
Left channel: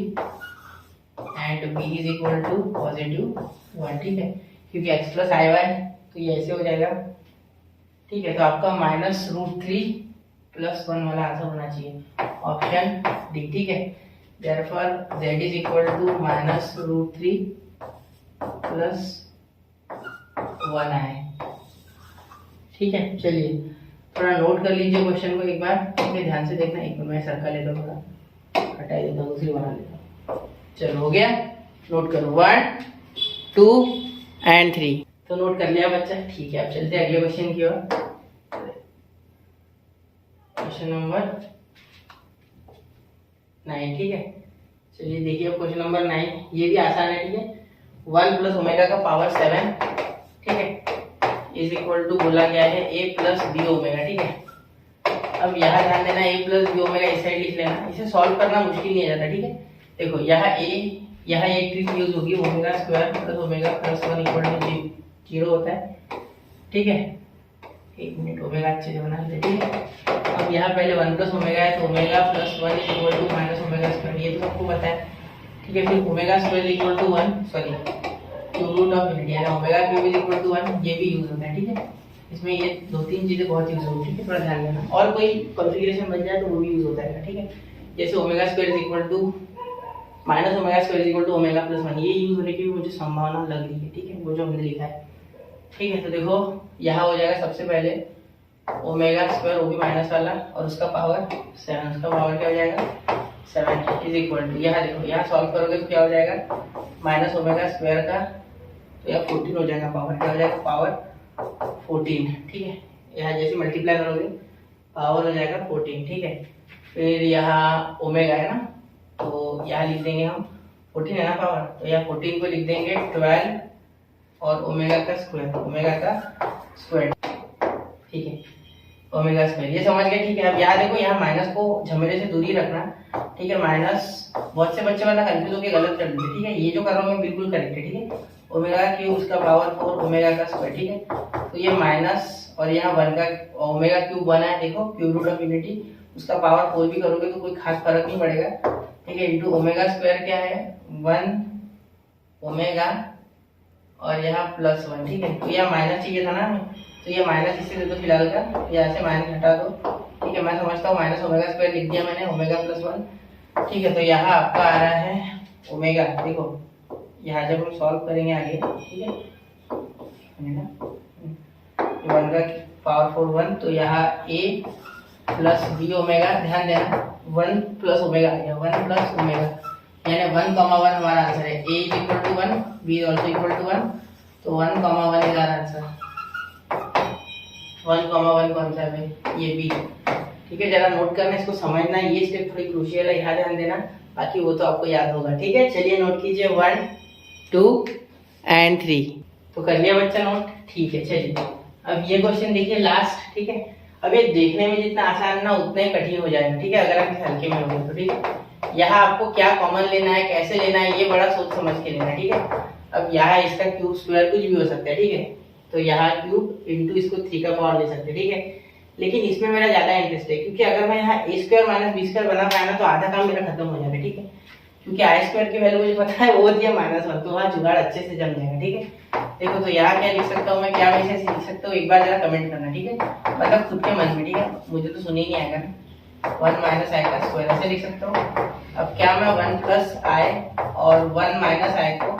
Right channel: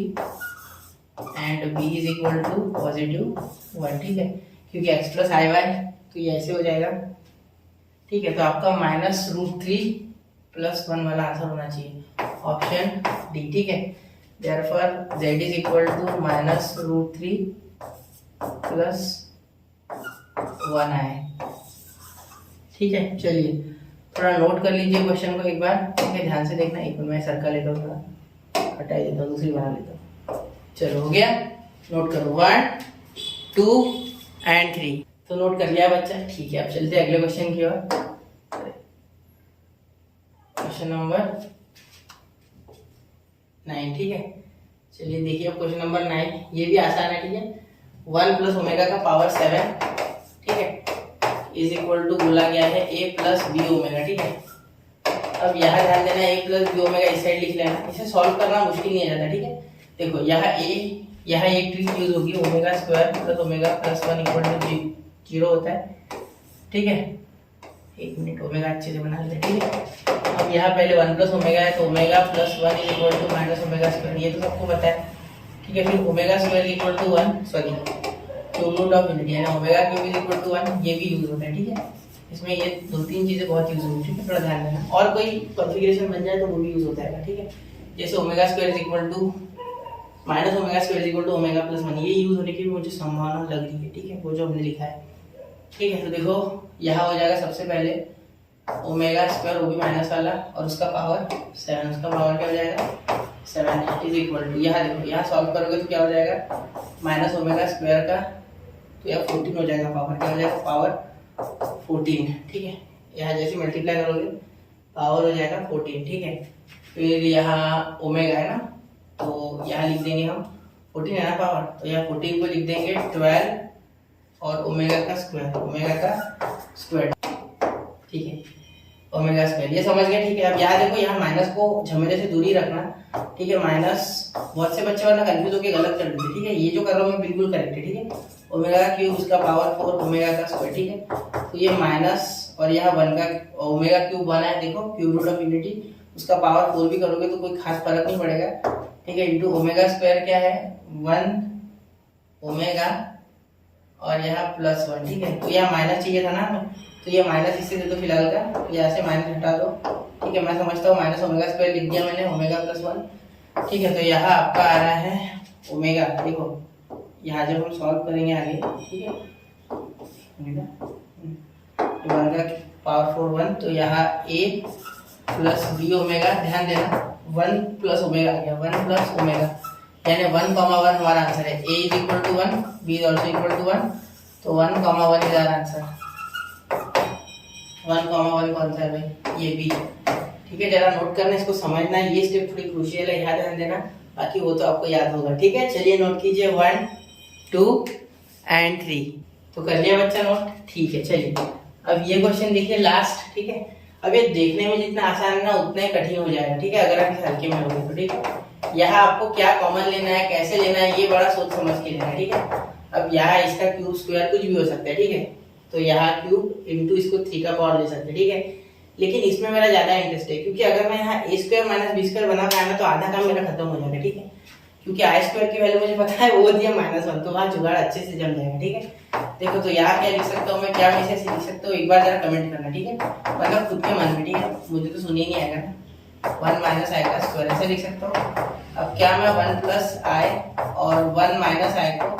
and b is equal to positive 1, ठीक है, क्योंकि x प्लस आई वाई, तो ये ऐसे हो जाएगा, ठीक है, तो आपका माइनस रूट 3 प्लस 1 वाला आंसर होना चाहिए, ऑप्शन डी, ठीक है, therefore z is equal to minus root 3 plus 1 I, ठीक है। चलिए थोड़ा नोट कर लीजिए क्वेश्चन को एक बार, ठीक है, ध्यान से देखना, एक मिनट मैं सर्कल लेता हूँ, थोड़ा हटा देता हूँ, दूसरी बना लेता हूँ, चलो हो गया, नोट करो 1 2 एंड 3, तो नोट कर लिया बच्चा, ठीक है, अब चलते हैं अगले क्वेश्चन की ओर, क्वेश्चन नंबर 9, ठीक है। चलिए देखिए अब क्वेश्चन नंबर 9, ये भी आसान है, ठीक है, 1 प्लस ओमेगा का पावर 7, ठीक है, इज इक्वल टू बोला गया है a प्लस बी ओमेगा, ठीक है। अब यहाँ ध्यान देना, a प्लस बी ओमेगा इस साइड लिख लेना, इसे सॉल्व करना मुश्किल नहीं आ जाता, ठीक है। देखो यहाँ एक ट्रिक यूज होगी, omega square plus omega plus 1 equal to 0 होता है, ठीक है, एक मिनट ओमेगा अच्छे से बना लेते, ठीक है। अब यहाँ पहले 1 प्लस ओमेगा है, तो omega plus 1 is equal to minus omega square, ये तो सबको पता है, ठीक है। फिर omega square equal to 1, sorry cube root of unity, यानी omega cube is equal to 1, ये भी यूज होता है, ठीक है। इसमें ये 2-3 चीजें बहुत यूज होगी, ठीक है, थोड़ा ध्यान देना, और कोई कॉन्फ़िगरेशन बन जाए तो वो भी यूज होता है, ठीक है, जैसे omega square is equal to minus omega square is equal to omega plus 1, ये यूज होने की भी मुझे संभावना लग रही है, ठीक है, वो जो हमने लिखा है, ठीक है। तो देखो यहाँ हो जाएगा सबसे पहले ओमेगा स्क्वायर, वो भी माइनस वाला, और उसका पावर 7, उसका पावर क्या हो जाएगा 7 इज इक्वल टू, यहाँ देखो यहाँ सॉल्व करोगे तो क्या हो जाएगा माइनस ओमेगा स्क्वायर का, तो यहाँ 14 हो जाएगा, पावर क्या हो जाएगा पावर 14, ठीक है। यहाँ जैसे मल्टीप्लाई करोगे पावर हो जाएगा 14, ठीक है। फिर यहाँ ओमेगा है ना, तो यहाँ लिख देंगे हम 14 है ना पावर, तो यहाँ 14 को लिख देंगे 12 और ओमेगा का स्क्वायर, ठीक है, ओमेगा स्क्वायर, ये समझ गए, ठीक है। अब यहाँ देखो यहाँ माइनस को झमेले से दूरी रखना, ठीक है, माइनस बहुत से बच्चे वाला कंफ्यूज होकर गलत कर देते, ठीक है, ये जो कर रहा हूँ मैं बिल्कुल करेक्ट है, ठीक है। ओमेगा का क्यूब उसका पावर 4 ओमेगा का स्क्वायर, ठीक है, तो ये माइनस और यहाँ 1 का ओमेगा क्यूब 1 है, देखो क्यूब रूट ऑफ यूनिटी, उसका पावर 4 भी करोगे तो कोई खास फर्क नहीं पड़ेगा, ठीक है, इंटू ओमेगा स्क्वायर क्या है 1 ओमेगा और यहाँ प्लस 1, ठीक है। तो यहाँ माइनस चाहिए था ना हमें, तो ये माइनस इससे दे दो फिलहाल का, यहाँ से माइनस हटा दो, ठीक है, मैं समझता हूँ माइनस ओमेगा स्क्वायर लिख दिया मैंने, ओमेगा प्लस 1, ठीक है। तो यहाँ आपका आ रहा है ओमेगा, देखो यहाँ जब हम सॉल्व करेंगे आगे, ठीक है, 1 का पावर 4 1, तो यहाँ a प्लस बी ओमेगा, ध्यान देना 1 प्लस ओमेगा आ गया, 1 प्लस ओमेगा, यानी 1, 1 हमारा आंसर है, a is equal to 1, b is also equal to 1, तो 1, 1 इज आवर आंसर, 1, 1 कौन सा है भाई, ये b, ठीक है। जरा नोट करना, इसको समझना, ये स्टेप थोड़ी क्रूशियल है, यहाँ ध्यान देना, बाकी वो तो आपको याद होगा, ठीक है। चलिए नोट कीजिए 1 2 एंड 3, तो कर लिया बच्चा नोट, ठीक है। चलिए अब ये क्वेश्चन देखिए लास्ट, ठीक है। अब ये देखने में जितना आसान है ना उतना ही कठिन हो जाएगा, ठीक है, अगर आप इस हल्के में लोगे तो, ठीक है। यहाँ आपको क्या कॉमन लेना है, कैसे लेना है, ये बड़ा सोच समझ के लेना है, ठीक है। अब यहाँ इसका क्यूब स्क्वायर कुछ भी हो सकता है, ठीक है। तो यहाँ क्यूब इंटू इसको 3 का पावर ले सकते हैं, ठीक है। लेकिन इसमें मेरा ज्यादा इंटरेस्ट है, क्योंकि अगर मैं यहाँ a square minus B square बना पाया ना तो आधा काम मेरा खत्म हो जाएगा, ठीक है। क्योंकि आई स्क्वायर की वैल्यू मुझे पता है वो होती है -1, तो वहाँ जुगाड़ अच्छे से जम जाएगा, ठीक है। देखो तो यहाँ क्या लिख सकता हूँ मैं, क्या मैं इसे लिख सकता हूँ, एक बार जरा कमेंट करना, ठीक है। मतलब खुद के मन में, ठीक है, मुझे तो सुन ही नहीं आएगा ना। 1 माइनस आई का स्क्वायर ऐसे लिख सकता हूँ। अब क्या मैं 1 प्लस आई और 1 माइनस आई को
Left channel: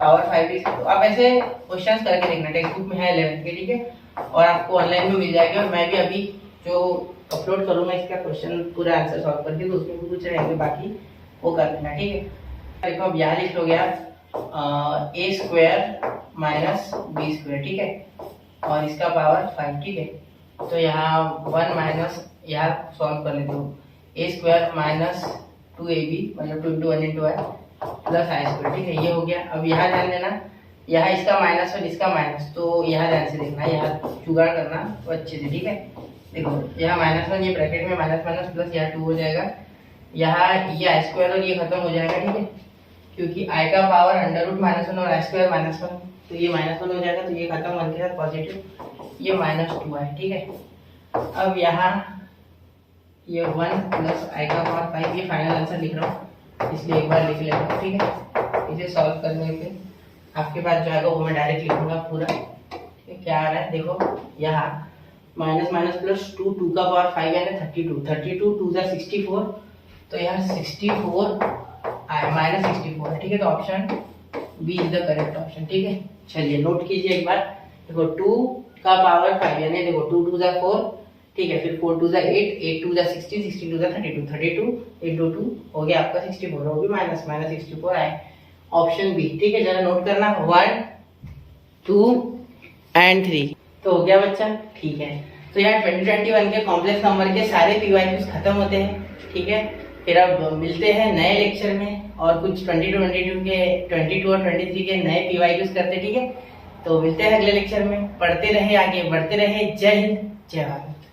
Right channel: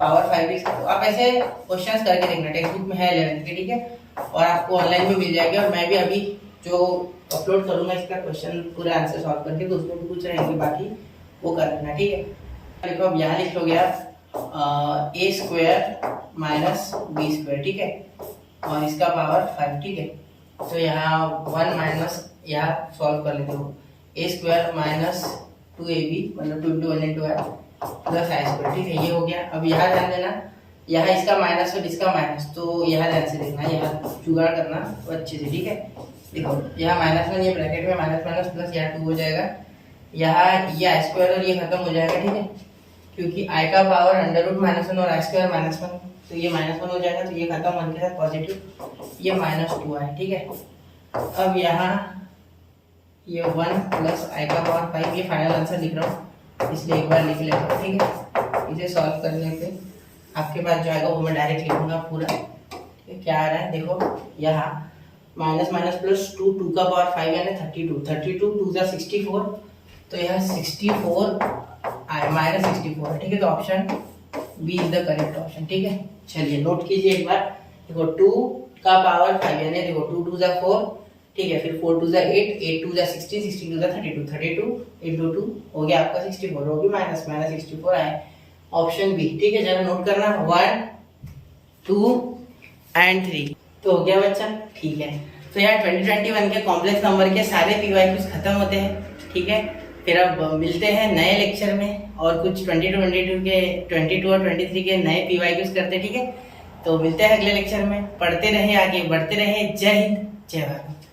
पावर 5 लिख सकता हूँ। आप ऐसे क्वेश्चंस करके देखना, टेक्स्ट बुक में है 11th के, ठीक है, और आपको ऑनलाइन भी मिल जाएगा। और मैं भी अभी जो अपलोड करूँगा इसका क्वेश्चन पूरा आंसर सॉल्व करके, तो उसमें भी कुछ रहेंगे, बाकी वो कर लेना, ठीक है। देखो अब यहाँ लिख लोगे आप ए स्क्वायर माइनस बी स्क्वायर, ठीक है, और इसका पावर 5, ठीक है। तो यहाँ 1 माइनस, यहाँ सॉल्व कर लेते हो, ए स्क्वायर माइनस 2ab मतलब 2 into 1 into i plus I square, ठीक है, ये हो गया। अब यहाँ ध्यान देना, यहाँ इसका माइनस और इसका माइनस, तो यहाँ ध्यान से देखना, यहाँ जुगाड़ करना वो अच्छे से, ठीक है। देखो यहाँ -1 ये ब्रैकेट में माइनस माइनस प्लस यहाँ 2 हो जाएगा, यहाँ ये आई स्क्वायर और ये खत्म हो जाएगा, ठीक है, क्योंकि आई का पावर √-1 और आई स्क्वायर -1, तो ये -1 हो जाएगा, तो ये खत्म होने के साथ पॉजिटिव, ये -2 है, ठीक है। अब यहाँ ये 1 प्लस आई का पावर 5, ये फाइनल आंसर लिख रहा हूँ, इसलिए एक बार लिख लेता हूँ, ठीक है। इसे सॉल्व करने पे आपके पास जो आएगा वो मैं डायरेक्ट लिखूंगा पूरा, ठीक है। क्या आ रहा है देखो, यहाँ माइनस माइनस प्लस 2 का पावर 5 यानी 32 2 जा 64, तो यहाँ 64 आई माइनस 64 है, ठीक है। तो option B is the correct option, ठीक है। चलिए नोट कीजिए एक बार, देखो 2 का पावर 5 यानी देखो 2 2 जा 4, ठीक है, फिर 4 2 जा 8, 8 2 जा 60, 60 2 जा 32, 32 into 2 हो गया आपका 64, वो भी माइनस माइनस 64 आए, ऑप्शन बी, ठीक है। जरा नोट करना 1 2 एंड 3, तो हो गया बच्चा, ठीक है। तो यार 2021 के कॉम्प्लेक्स नंबर के सारे पीवाईक्यूज खत्म होते हैं, ठीक है। फिर अब मिलते हैं नए लेक्चर में और कुछ 22 और 23 के नए पीवाईक्यूज करते, ठीक है। तो मिलते हैं अगले लेक्चर में, पढ़ते रहे, आगे बढ़ते रहे। जय हिंद, जय भारत।